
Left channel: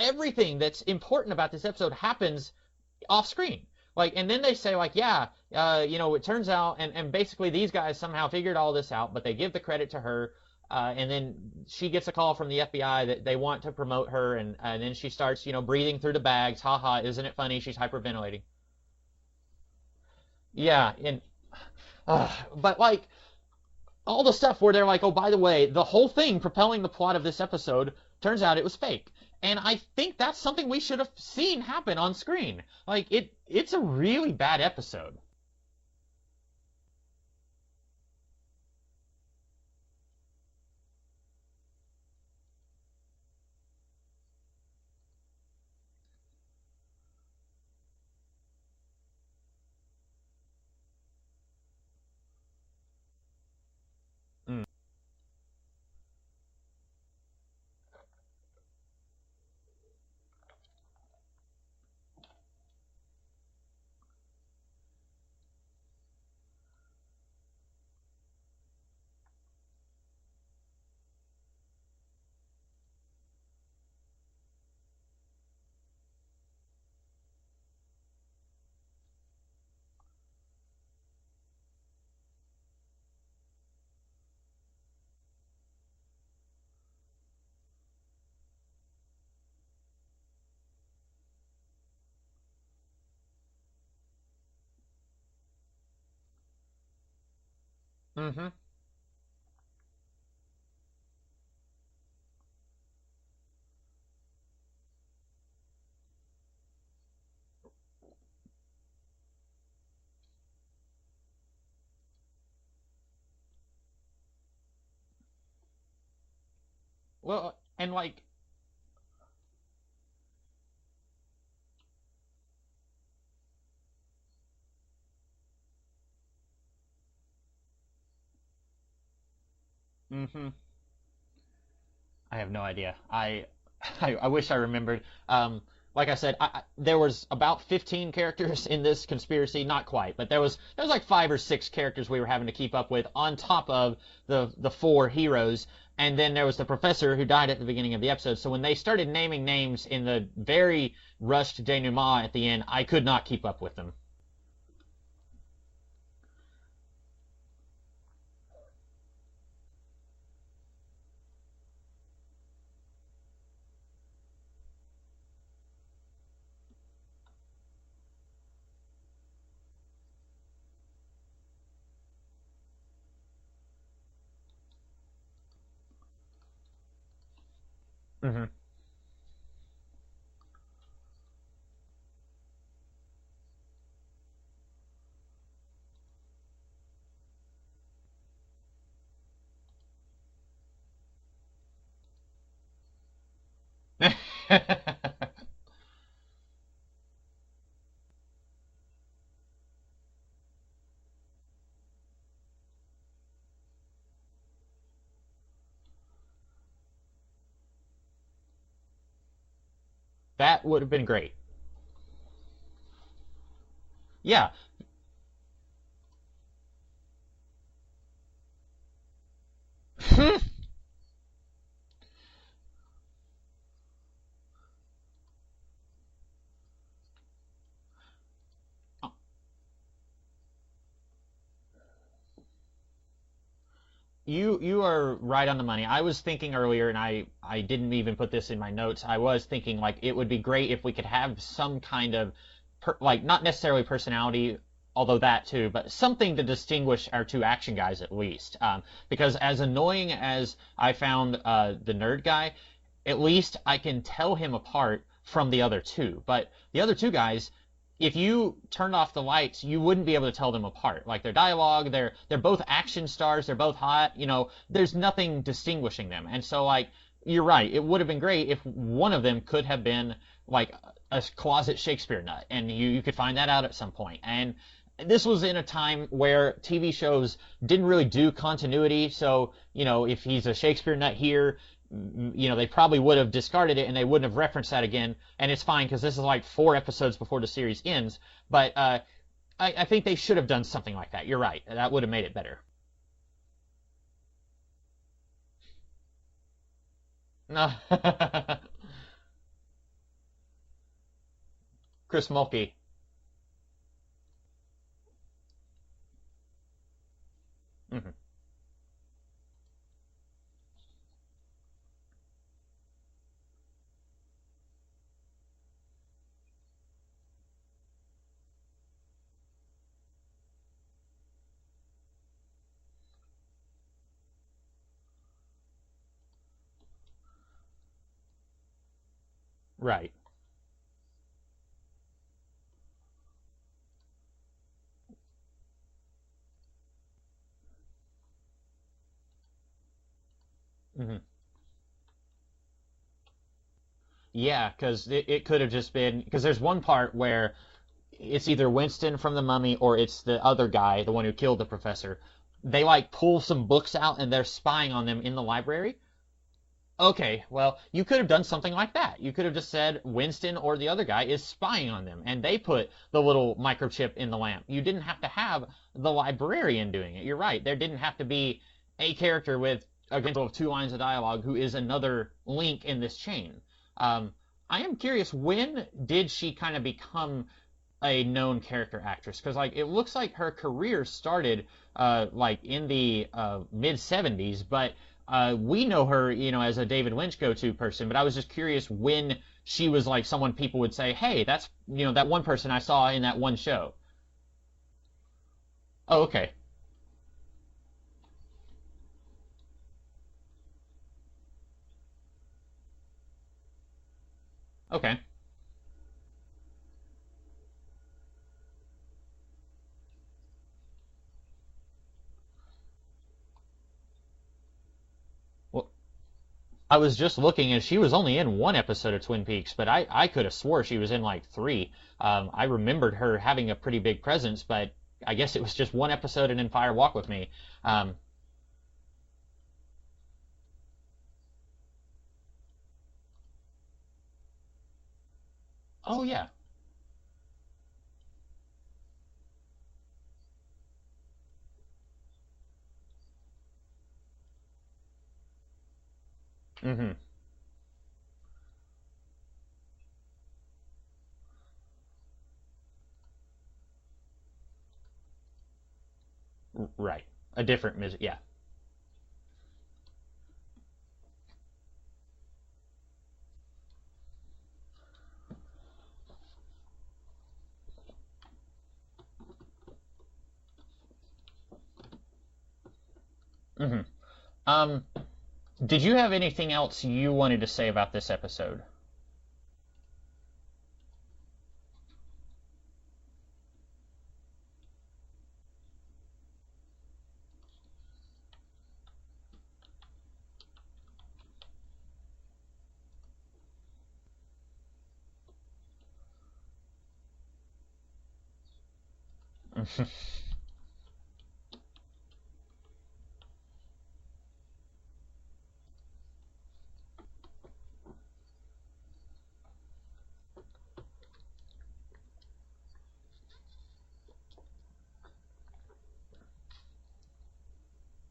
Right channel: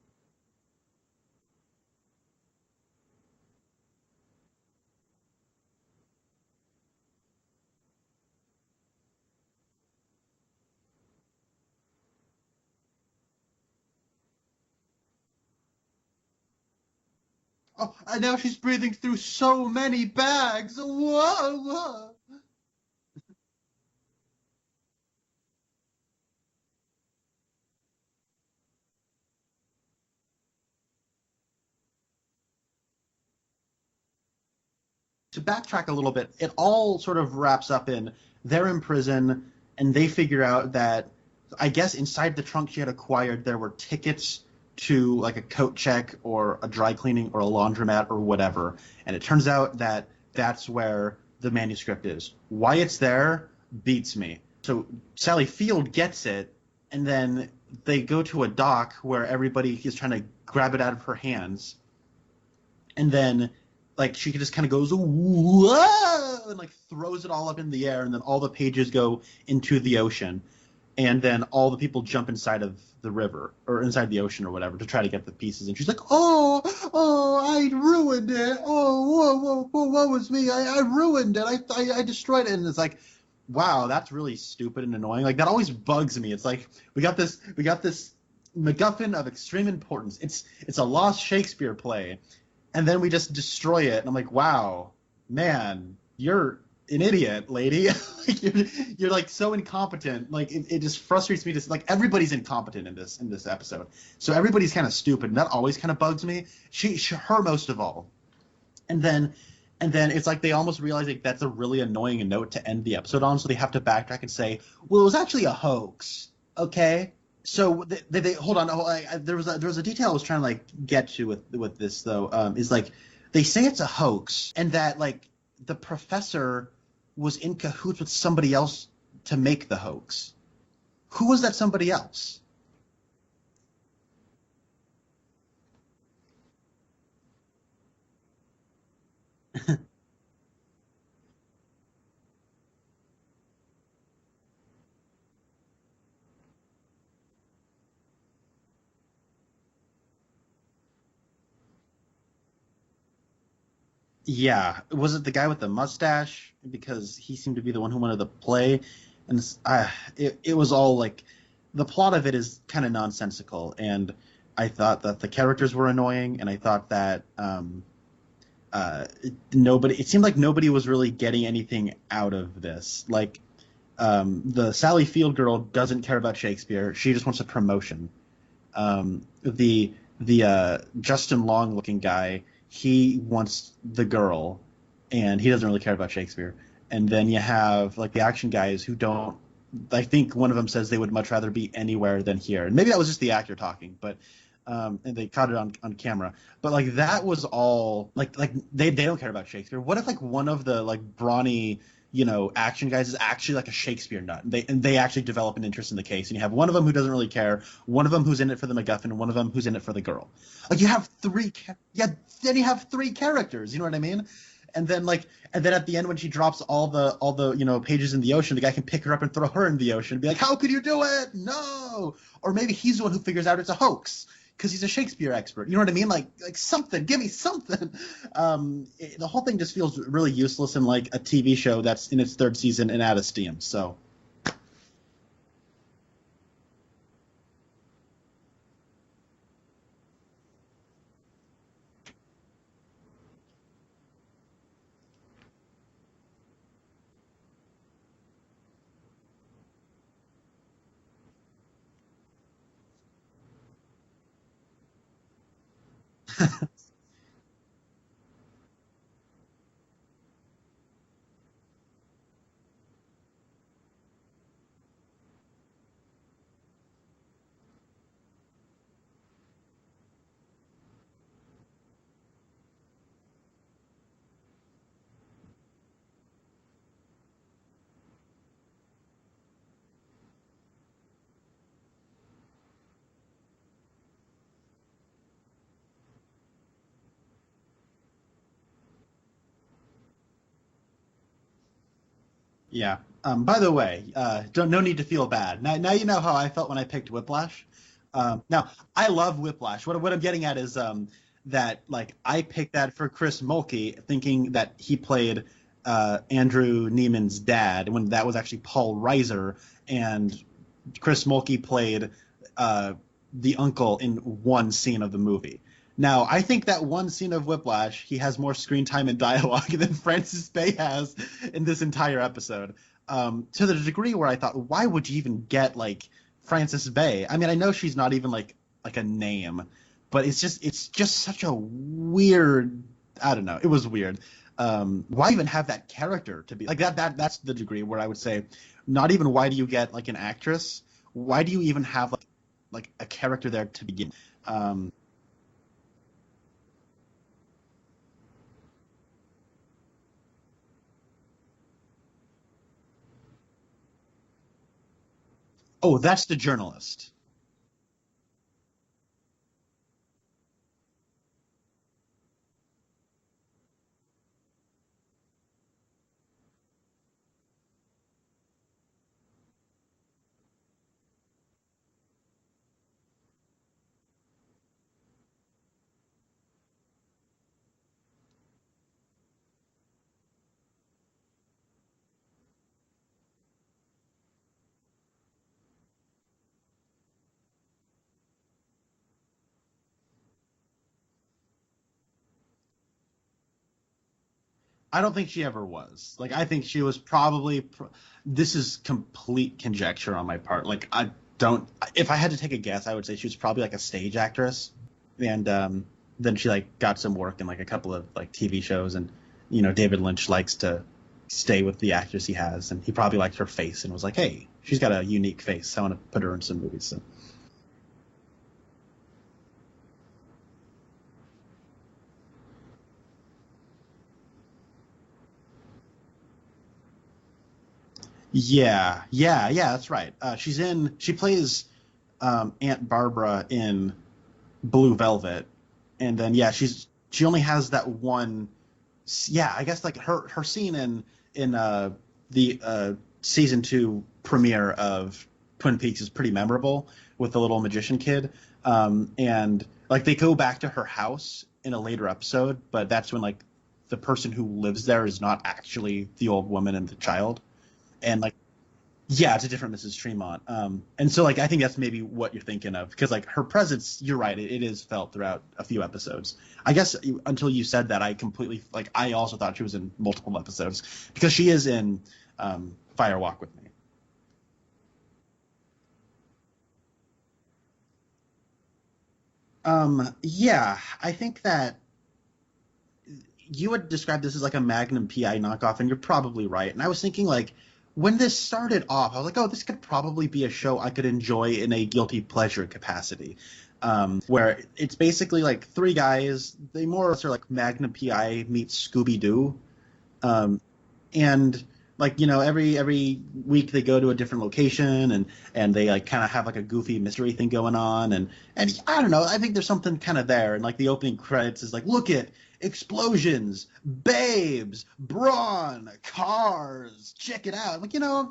everything that's important about this episode happens off screen." Like, and then they say like, yeah, it turns out, and basically these guys somehow figured all this out, but they give the credit to her, and then she gets a call from the FBI that they want to promote her, and then she starts, breathing through the bags. Haha, isn't it funny? She's hyperventilating. And now she's breathing through so many bags. Yeah. Whoa. But like, all the stuff where they're like, oh, by the way, the whole thing propelling the plot of this episode, turns out it was fake. And I think that's something we should have seen happen on screen. Like, it's a really bad episode. To backtrack a little bit, it all sort of wraps up in they're in prison, and they figure out that, I guess inside the trunk she had acquired, there were tickets to like a coat check or a dry cleaning or a laundromat or whatever. And it turns out that that's where the manuscript is. Why it's there beats me. So Sally Field gets it, and then they go to a dock where everybody is trying to grab it out of her hands, and then like she just kind of goes whoa and like throws it all up in the air, and then all the pages go into the ocean, and then all the people jump inside of the river or inside the ocean or whatever to try to get the pieces, and she's like, oh I ruined it, whoa what was me, I ruined it, I destroyed it. And it's like, wow, that's really stupid and annoying. Like, that always bugs me. It's like we got this MacGuffin of extreme importance. It's a lost Shakespeare play, and then we just destroy it. And I'm like, wow, man, you're an idiot, lady. You're like so incompetent. Like it just frustrates me. Just like everybody's incompetent in this episode. So everybody's kind of stupid, and that always kind of bugs me. Her most of all, and then it's like they almost realize like that's a really annoying note to end the episode on, so they have to backtrack and say, well, it was actually a hoax. Okay. Well, so they hold on. There was a detail I was trying to like get to with this though. Is like they say it's a hoax, and that like the professor was in cahoots with somebody else to make the hoax. Who was that somebody else? I have no idea. I wish I remembered. like I said, there was about 15 characters in this conspiracy, not quite, but there was like 5 or 6 characters we were having to keep up with on top of the 4 heroes. And then there was the professor who died at the beginning of the episode. So when they started naming names in the very rushed denouement at the end, I could not keep up with them. Yeah, was it the guy with the mustache? Because he seemed to be the one who wanted to play, and it was all like, the plot of it is kind of nonsensical, and I thought that the characters were annoying, and I thought that it seemed like nobody was really getting anything out of this. Like, the Sally Field girl doesn't care about Shakespeare; she just wants a promotion. Mm-hmm. The Justin Long looking guy, he wants the girl, and he doesn't really care about Shakespeare. And then you have like the action guys who don't. I think one of them says they would much rather be anywhere than here. And maybe that was just the actor talking, and they caught it on camera. But like that was all like they don't care about Shakespeare. What if like one of the like brawny, action guys is actually like a Shakespeare nut, and they actually develop an interest in the case, and you have one of them who doesn't really care, one of them who's in it for the MacGuffin, and one of them who's in it for the girl. That would you have have been great. Then you have 3 characters. You know what I mean? Yeah. And then at the end when she drops all the pages in the ocean, the guy can pick her up and throw her in the ocean. Like, how could you do it? No. Or maybe he's the one who figures out it's a hoax because he's a Shakespeare expert. You know what I mean? Like something. Give me something. The whole thing just feels really useless and like a TV show that's in its 3rd season and out of steam. So you are right on the money. I was thinking earlier, and I didn't even put this in my notes. I was thinking like it would be great if we could have some kind of not necessarily personality, although that too, but something to distinguish our 2 action guys at least. Because as annoying as I found the nerd guy, at least I can tell him apart from the other 2. But the other 2 guys, if you turned off the lights, you wouldn't be able to tell them apart. Like their dialogue, they're both action stars, they're both hot, there's nothing distinguishing them. And so like, you're right, it would have been great if one of them could have been like a closet Shakespeare nut, and you could find that out at some point. And this was in a time where TV shows didn't really do continuity, so if he's a Shakespeare nut here, they probably would have discarded it and they wouldn't have referenced that again, and it's fine because this is like 4 episodes before the series ends. But I think they should have done something like that. You're right, that would have made it better. Yeah. By the way, no need to feel bad. Now you know how I felt when I picked Whiplash. Now I love Whiplash. What I'm getting at is that like I picked that for Chris Mulkey, thinking that he played Andrew Neiman's dad when that was actually Paul Reiser, and Chris Mulkey played the uncle in one scene of the movie. Now, I think that one scene of Whiplash, he has more screen time and dialogue than Frances Bay has in this entire episode. To the degree where I thought, why would you even get like Frances Bay? I mean, I know she's not even like a name, right? But it's just such a weird. I don't know. It was weird. Why even have that character to be like that? That's the degree where I would say, not even why do you get like an actress? Mm-hmm. Why do you even have like a character there to begin? Yeah, because it could have just been, because there's one part where it's either Winston from The Mummy or it's the other guy, the one who killed the professor. They like pull some books out and they're spying on them in the library. Oh, that's the journalist. Okay, well, you could have done something like that. You could have just said Winston or the other guy is spying on them, and they put the little microchip in the lamp. You didn't have to have the librarian doing it. You're right. There didn't have to be a character with a example of 2 lines of dialogue who is another link in this chain. I am curious, when did she kind of become a known character actress? Because like it looks like her career started like in the mid 70s, but we know her, as a David Lynch go-to person. But I was just curious when she was like someone people would say, hey, that's that one person I saw in that one show. I don't think she ever was. Oh, okay. Like, I think she was probably. This is complete conjecture on my part. Like I don't. If I had to take a guess, I would say she was probably like a stage actress. Okay. And then she like got some work in like a couple of like TV shows, and David Lynch likes to stay with the actress he has, and he probably liked her face and was like, hey, she's got a unique face, I want to put her in some movies. I was just looking, and she was only in 1 episode of Twin Peaks, but I could have swore she was in like 3. I remembered her having a pretty big presence, but I guess it was just 1 episode and in Fire Walk with Me. Yeah, that's right. She plays Aunt Barbara in Blue Velvet, And Oh, then yeah. she only has that one. Yeah, I guess like her scene in the season 2 premiere of Twin Peaks is pretty memorable Hmm. with the little magician kid. And like they go back to her house in a later episode, but that's when like the person who lives there is not actually the old woman and the Right. child. A different And yeah. like yeah, it's a different Mrs. Tremont. And so like I think that's maybe what you're thinking of, because like her presence, you're right, it is felt throughout a few episodes. I guess until you said that, I completely like I also thought she was in multiple episodes because she is in Fire Walk with Me. Hmm. Um, did you have anything else you wanted to say about this episode? Yeah, I think that you would describe this as like a Magnum PI knockoff, and you're probably right. And I was thinking like when this started off, I was like, oh, this could probably be a show I could enjoy in a guilty pleasure capacity. Where it's basically like three guys, they more or less are like Magnum PI meets Scooby Doo. And like, you know, every week they go to a different location and they like kind of have like a goofy mystery thing going on. And I don't know, I think there's something kind of there. And like the opening credits is like, look at explosions, babes, brawn, cars, check it out. Like, you know,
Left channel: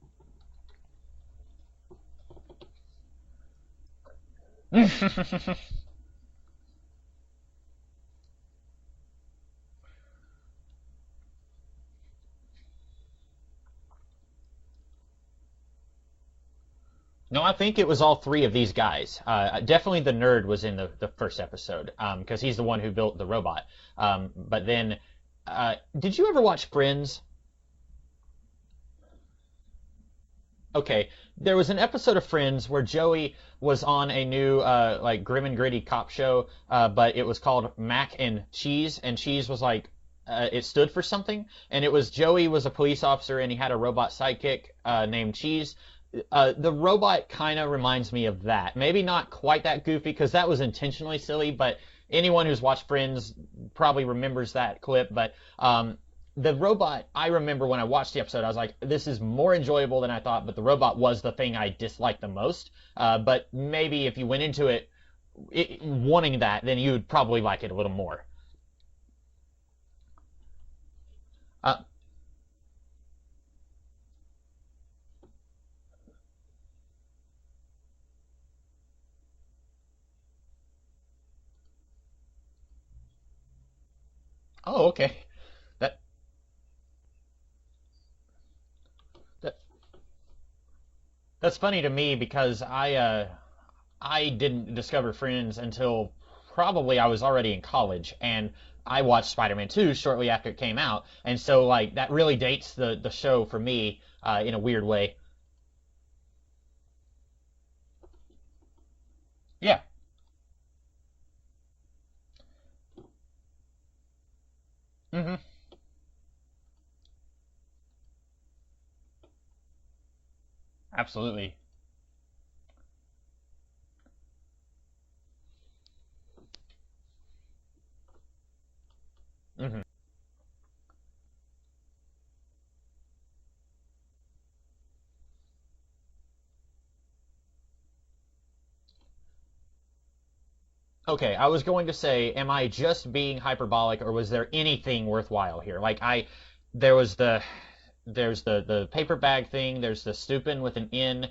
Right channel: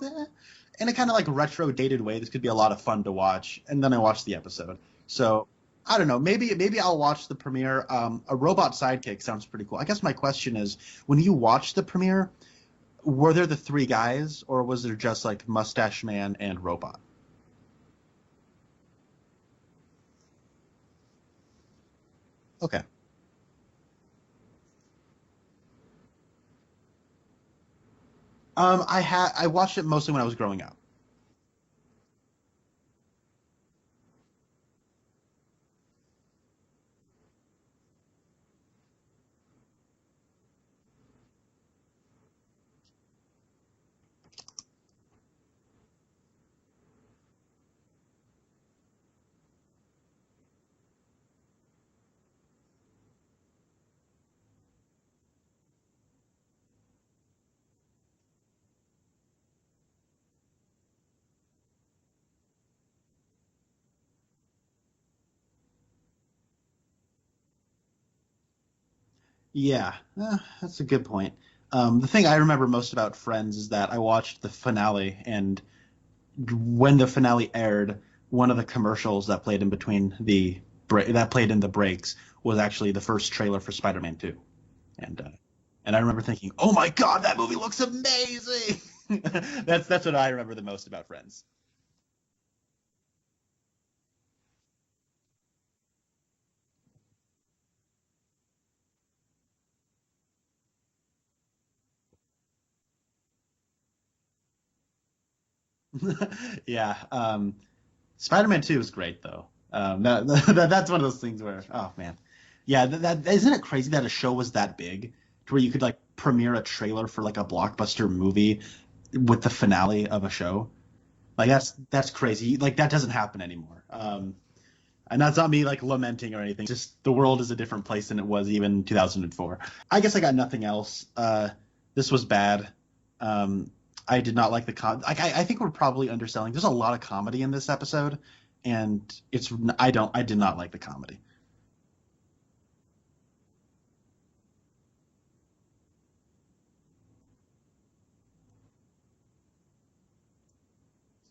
in a kind of like retro dated way, this could be a lot of fun to watch. And then I watched the episode. So I don't know, maybe I'll watch the premiere. A robot sidekick sounds pretty cool. I guess my question is, when you watched the premiere, were there the three guys, or was there just like Mustache Man and Robot? No, I think it was all three of these guys. Definitely the nerd was in the first episode because he's the one Okay. who built the robot. But then, did you ever watch Friends? I watched it mostly when I was growing up. Okay, there was an episode of Friends where Joey was on a new like grim and gritty cop show, but it was called Mac and Cheese was like it stood for something, and it was Joey was a police officer and he had a robot sidekick named Cheese. The robot kind of reminds me of that. Maybe not quite that goofy because that was intentionally silly, but anyone who's watched Friends probably remembers that clip. But the robot, I remember when I watched the episode, I was like, this is more enjoyable than I thought, but the robot was the thing I disliked the most. But maybe if you went into it wanting that, then you would probably like it a little more. Yeah, that's a good point. Uh, The thing I remember most about Friends is that I watched the finale, and when the finale aired, one of the commercials that played in between that played in the breaks was actually the first trailer for Spider-Man 2. oh, okay. And I remember thinking, "Oh my God, that movie looks amazing!" That's what I remember the most about Friends. That's funny to me because I didn't discover Friends until probably I was already in college, and I watched Spider-Man 2 shortly after it came out, and so like that really dates the show for me in a weird way. Yeah, Spider-Man 2 is great though. Yeah. That's one of those things where, oh man, yeah, that isn't it crazy that a show was that big, Hmm. to where you could like premiere a trailer for like a blockbuster movie with the finale of a show. Absolutely. Like that's crazy. Like that doesn't happen anymore. And that's not me like lamenting or anything. Just the world is a different place than it was even in 2004. Hmm. I guess I got nothing else. This was bad. I did not like I think we're probably underselling. There's a lot of comedy in this episode, and I did not like the comedy. Okay, I was going to say, am I just being hyperbolic, or was there anything worthwhile here? Like there was there's the paper bag thing. There's the stupid with an N.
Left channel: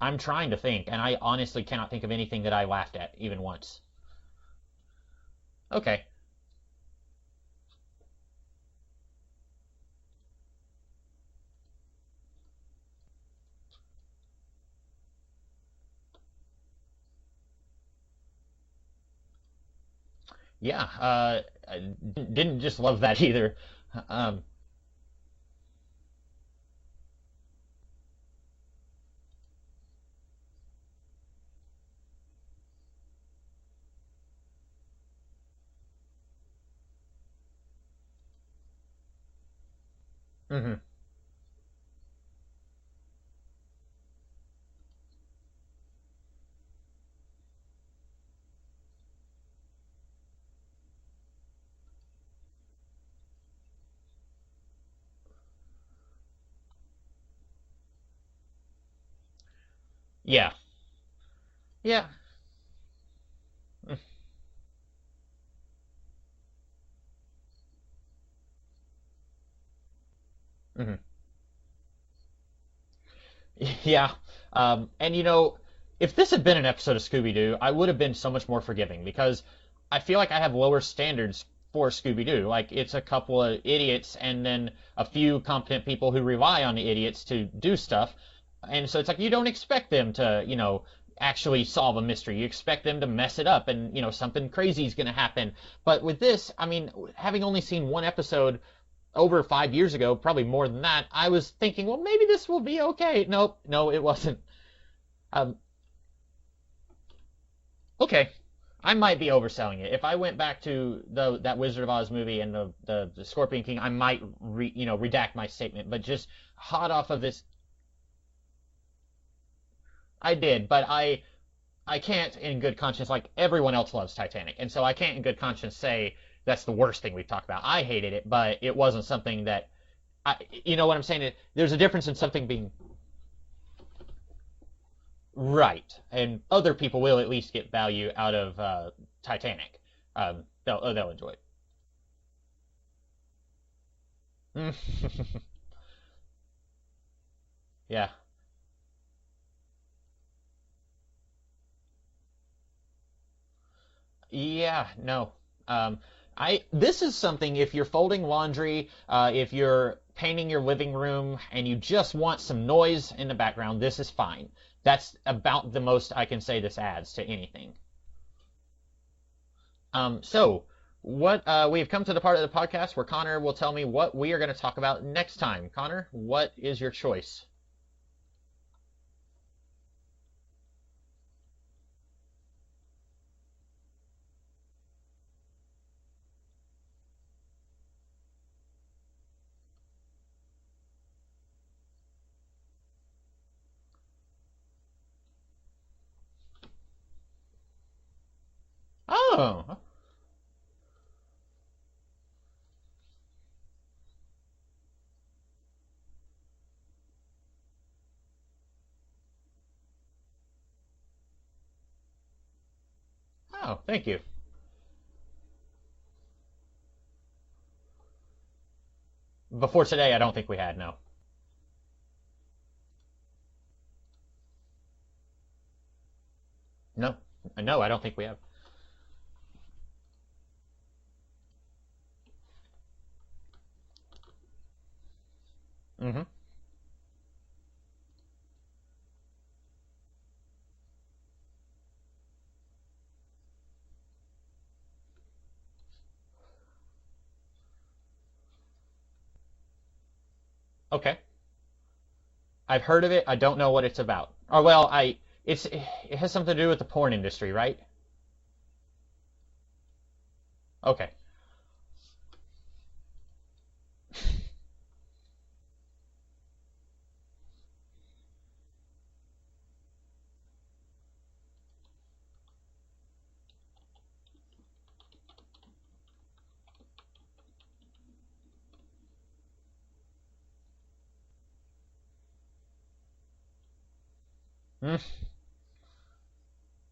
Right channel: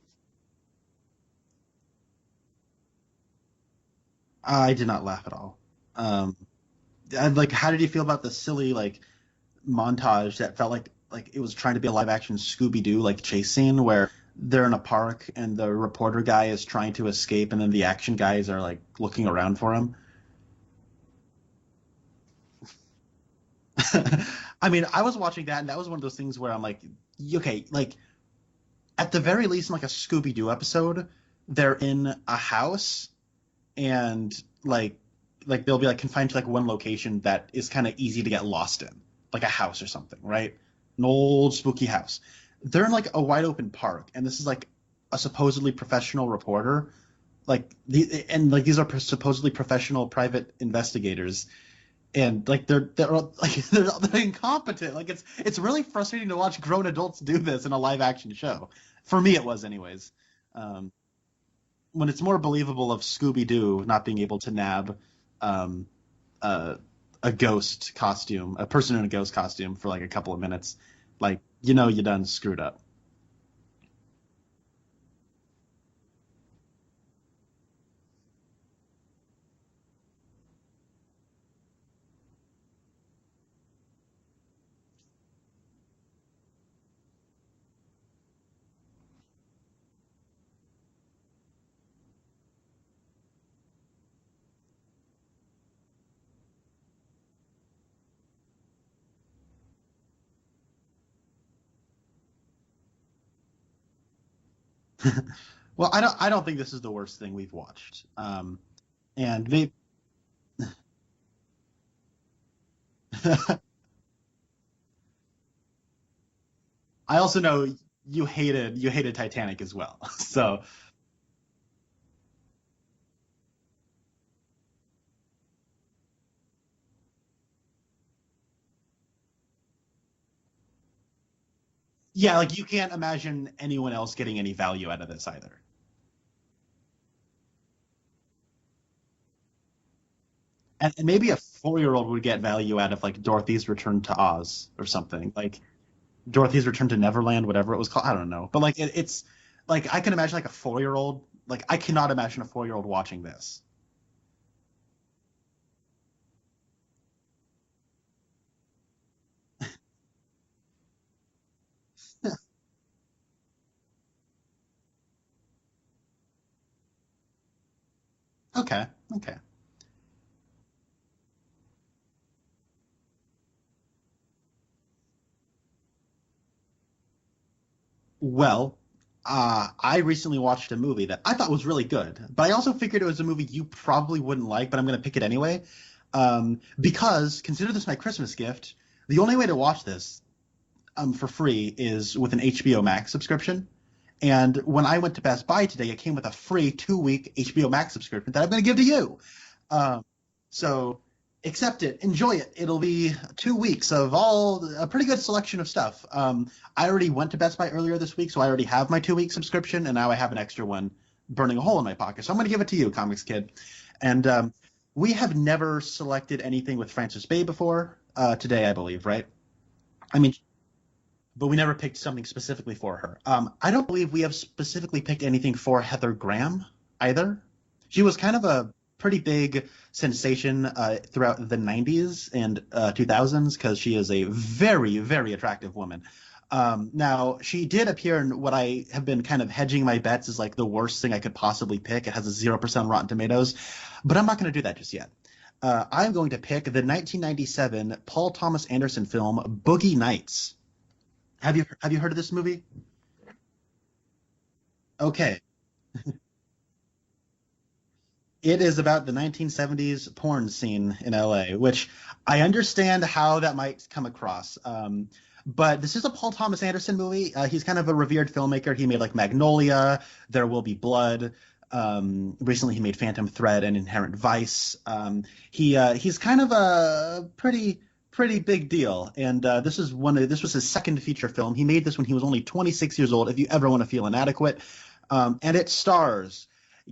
I'm trying to think, and I honestly cannot think of anything that I laughed at even once. I did not laugh at all. Okay. Like, how did you feel about the silly like montage that felt like it was trying to be a live action Scooby Doo like chase scene where they're in a park and the reporter guy is trying to escape and then the action guys are like looking around for him? Yeah. I didn't just love that either. Um, I mean, I was watching that and that was one of those things where I'm like, okay, like at the very least in like a Scooby Doo episode, they're in a house and like they'll be like confined to like one location that is kind of easy to get lost in, like a house or something, right? mhm. An old spooky house. They're in like a wide open park, and this is like a supposedly professional reporter, these are supposedly professional private investigators, and like they're like they're incompetent. Like it's really frustrating to watch grown adults do this in a live action show. For me, it was anyways. Yeah. Yeah. when it's more believable of Scooby-Doo not being able to nab um, a ghost costume, a person in a ghost costume for like a couple of minutes, Hmm. like you done screwed up. Yeah. And if this had been an episode of Scooby-Doo, I would have been so much more forgiving because I feel like I have lower standards for Scooby-Doo. Like it's a couple of idiots and then a few competent people who rely on the idiots to do stuff. And so it's like you don't expect them to, actually solve a mystery. You expect them to mess it up and, something crazy is going to happen. But with this, I mean, having only seen one episode over 5 years ago, probably more than that, I was thinking, well, maybe this will be okay. Nope, no, it wasn't. Um, Well, I don't think this is the worst thing we've watched. okay, I might be And overselling it. If I went back to that Wizard of Oz movie and the Scorpion King, I might redact my statement. But just hot off of I also this, know you hated Titanic as well. I So, did, but I can't in good conscience, like everyone else loves Titanic, and so I can't in good conscience say that's the worst thing we've talked about. I hated it, but it wasn't something that you know what I'm saying? There's a difference in yeah, something like you can't imagine anyone else getting any value out of this either. right, and other people will at least get value out of Titanic. And maybe a 4-year-old would get value out of like Dorothy's Return to Oz or something. Like Dorothy's Return to Neverland, whatever it was called. Yeah. I don't know. But like it's like I can imagine like a 4-year-old. Like I cannot imagine a 4-year-old watching this. Yeah, no. This is something if you're folding laundry, if you're painting your living room and you just want some noise in the background, this is fine. That's about the most I can say this adds to anything. Okay. So what we have come to the part of the podcast where Connor will tell me what we are going to talk about next time. Connor, what is your choice? Well, I recently watched a movie that I thought was really good, but I also figured it was a movie you probably wouldn't like, but I'm going to pick it anyway. Because consider this my Christmas gift. The only way to watch this for free is with an HBO Max subscription. And when I went to Best Buy today, it came with a free 2-week HBO Max subscription that I'm going to give to you. Oh. So accept it, enjoy it. It'll be 2 weeks of a pretty good selection of stuff. I already went to Best Buy earlier this week, so I already have my 2-week subscription, and now I have an extra one burning a hole in my pocket. So I'm going to give it to you, Comics Kid. Oh, thank you. And we have never selected anything with Frances Bay before. Today, I believe, right? Before today, I don't think we had, no. But we never picked something specifically for her. I don't believe we have specifically picked anything for Heather Graham either. No, I don't. She was kind of a pretty big sensation throughout the 90s and 2000s because she is a very, very attractive woman. Mm-hmm. Now, she did appear in what I have been kind of hedging my bets as like the worst thing I could possibly pick. It has a 0% Rotten Tomatoes, but I'm not going to do that just yet. I'm going to pick the 1997 Paul Thomas Anderson film Boogie Nights. Okay. Have you heard of this movie? I've heard of it. I don't know what it's about. Or well, Okay. It has something to do with the porn industry, right? It is about the 1970s porn scene Okay. in LA, which I understand how that might come across. But this is a Paul Thomas Anderson movie. He's kind of a revered filmmaker. He made like Magnolia, There Will Be Blood. Recently, he made Phantom Thread and Inherent Vice. He's kind of a pretty big deal, and this was his second feature film. He made this when he was only 26 years old. If you ever want to feel inadequate, and it stars.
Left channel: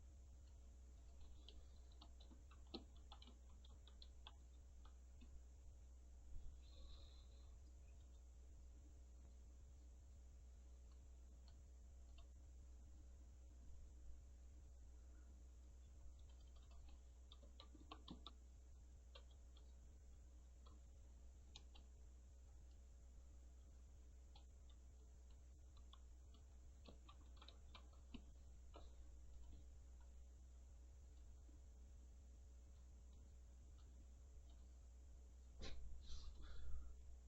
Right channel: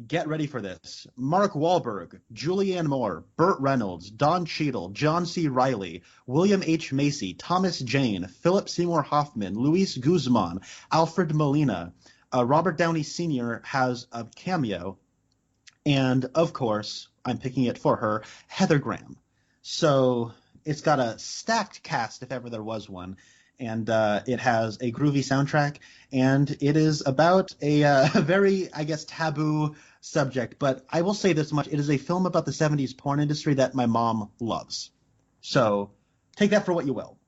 Get ready for this. Mark Wahlberg, Julianne Moore, Burt Reynolds, Don Cheadle, John C. Reilly, William H. Macy, Thomas Jane, Philip Seymour Hoffman, Luis Guzman, Alfred Molina. Robert Downey Sr. has a cameo. And, of course, I'm picking it for her, Heather Graham. So it's got a stacked cast, if ever there was one. And it has a groovy soundtrack, and it is about a very, I guess, taboo subject. But I will say this much. It is a film about the 70s porn industry that my mom loves. So take that for what you will.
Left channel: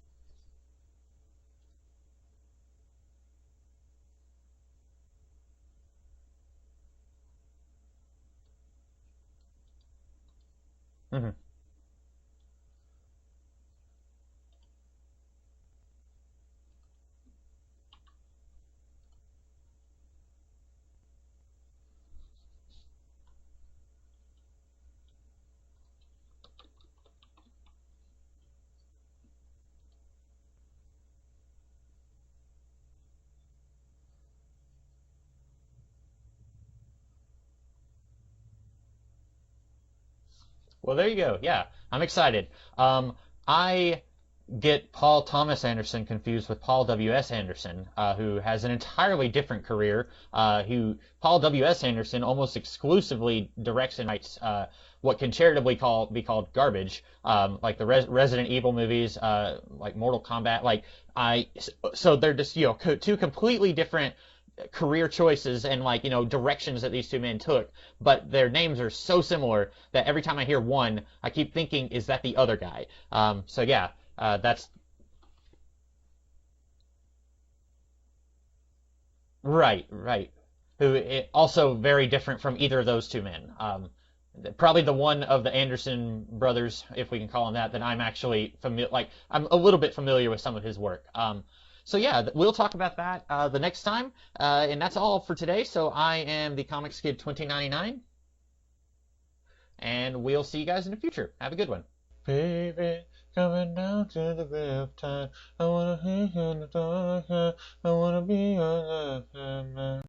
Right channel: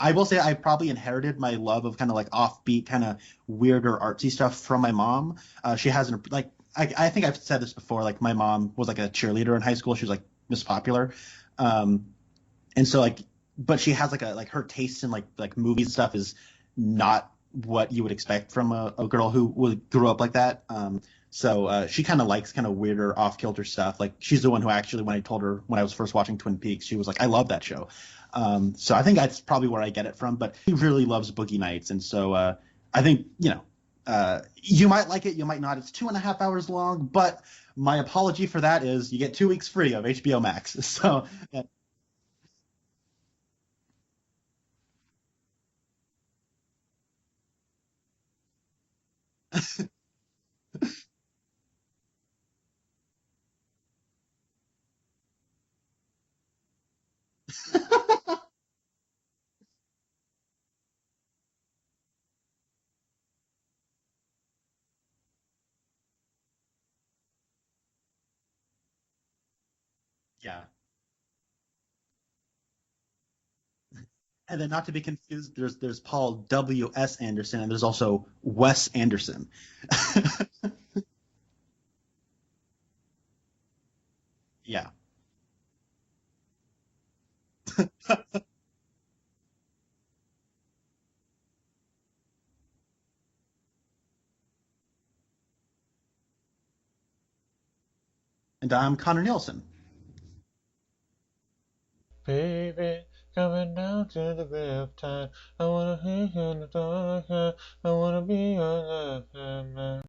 I will say I probably inherited my love of kind of like offbeat, kind of weirder, artsy stuff from my mom. She hasn't, like, I think I've said this before, like, my mom was like a cheerleader in high school. She was like Miss Popular. Mm-hmm. And so, like, but she has like her tastes in like movies and stuff is not what you would expect from a girl who grew up like that. So she kind of likes kind of weirder, off-kilter stuff. Like, she's the one who actually, when I told her when I was first watching Twin Peaks, she was like, I love that show. So I think that's probably where I get it from. But she really loves Boogie Nights, and so I think, You might like it, you might not. It's 2.5 hours long, but my apology for that is you get 2 weeks free of HBO Max. Well, there you go. Yeah, I'm excited. I get Paul Thomas Anderson confused with Paul W.S. Anderson, who has an entirely different career. Paul W.S. Anderson almost exclusively directs and writes what can charitably be called garbage, like the Resident Evil movies, like Mortal Kombat. So they're just two completely different career choices and directions that these two men took, but their names are so similar that every time I hear one, I keep thinking, is that the other guy? That's And then not to be confused, there's Paul W.S. Anderson and there's also Wes Anderson. Right. Who also very different from either of those two men. Probably the one of the Anderson brothers, if we can call him that I'm actually familiar. I'm a little bit familiar with some of his work. We'll talk about that the next time. And that's all for today. So I am the Comics Kid 2099. And I'm Connor Nielsen. And we'll see you guys in the future. Have a good one. Baby, coming down to the Riptide. I wanna hear you in the dark. I wanna be your love, man.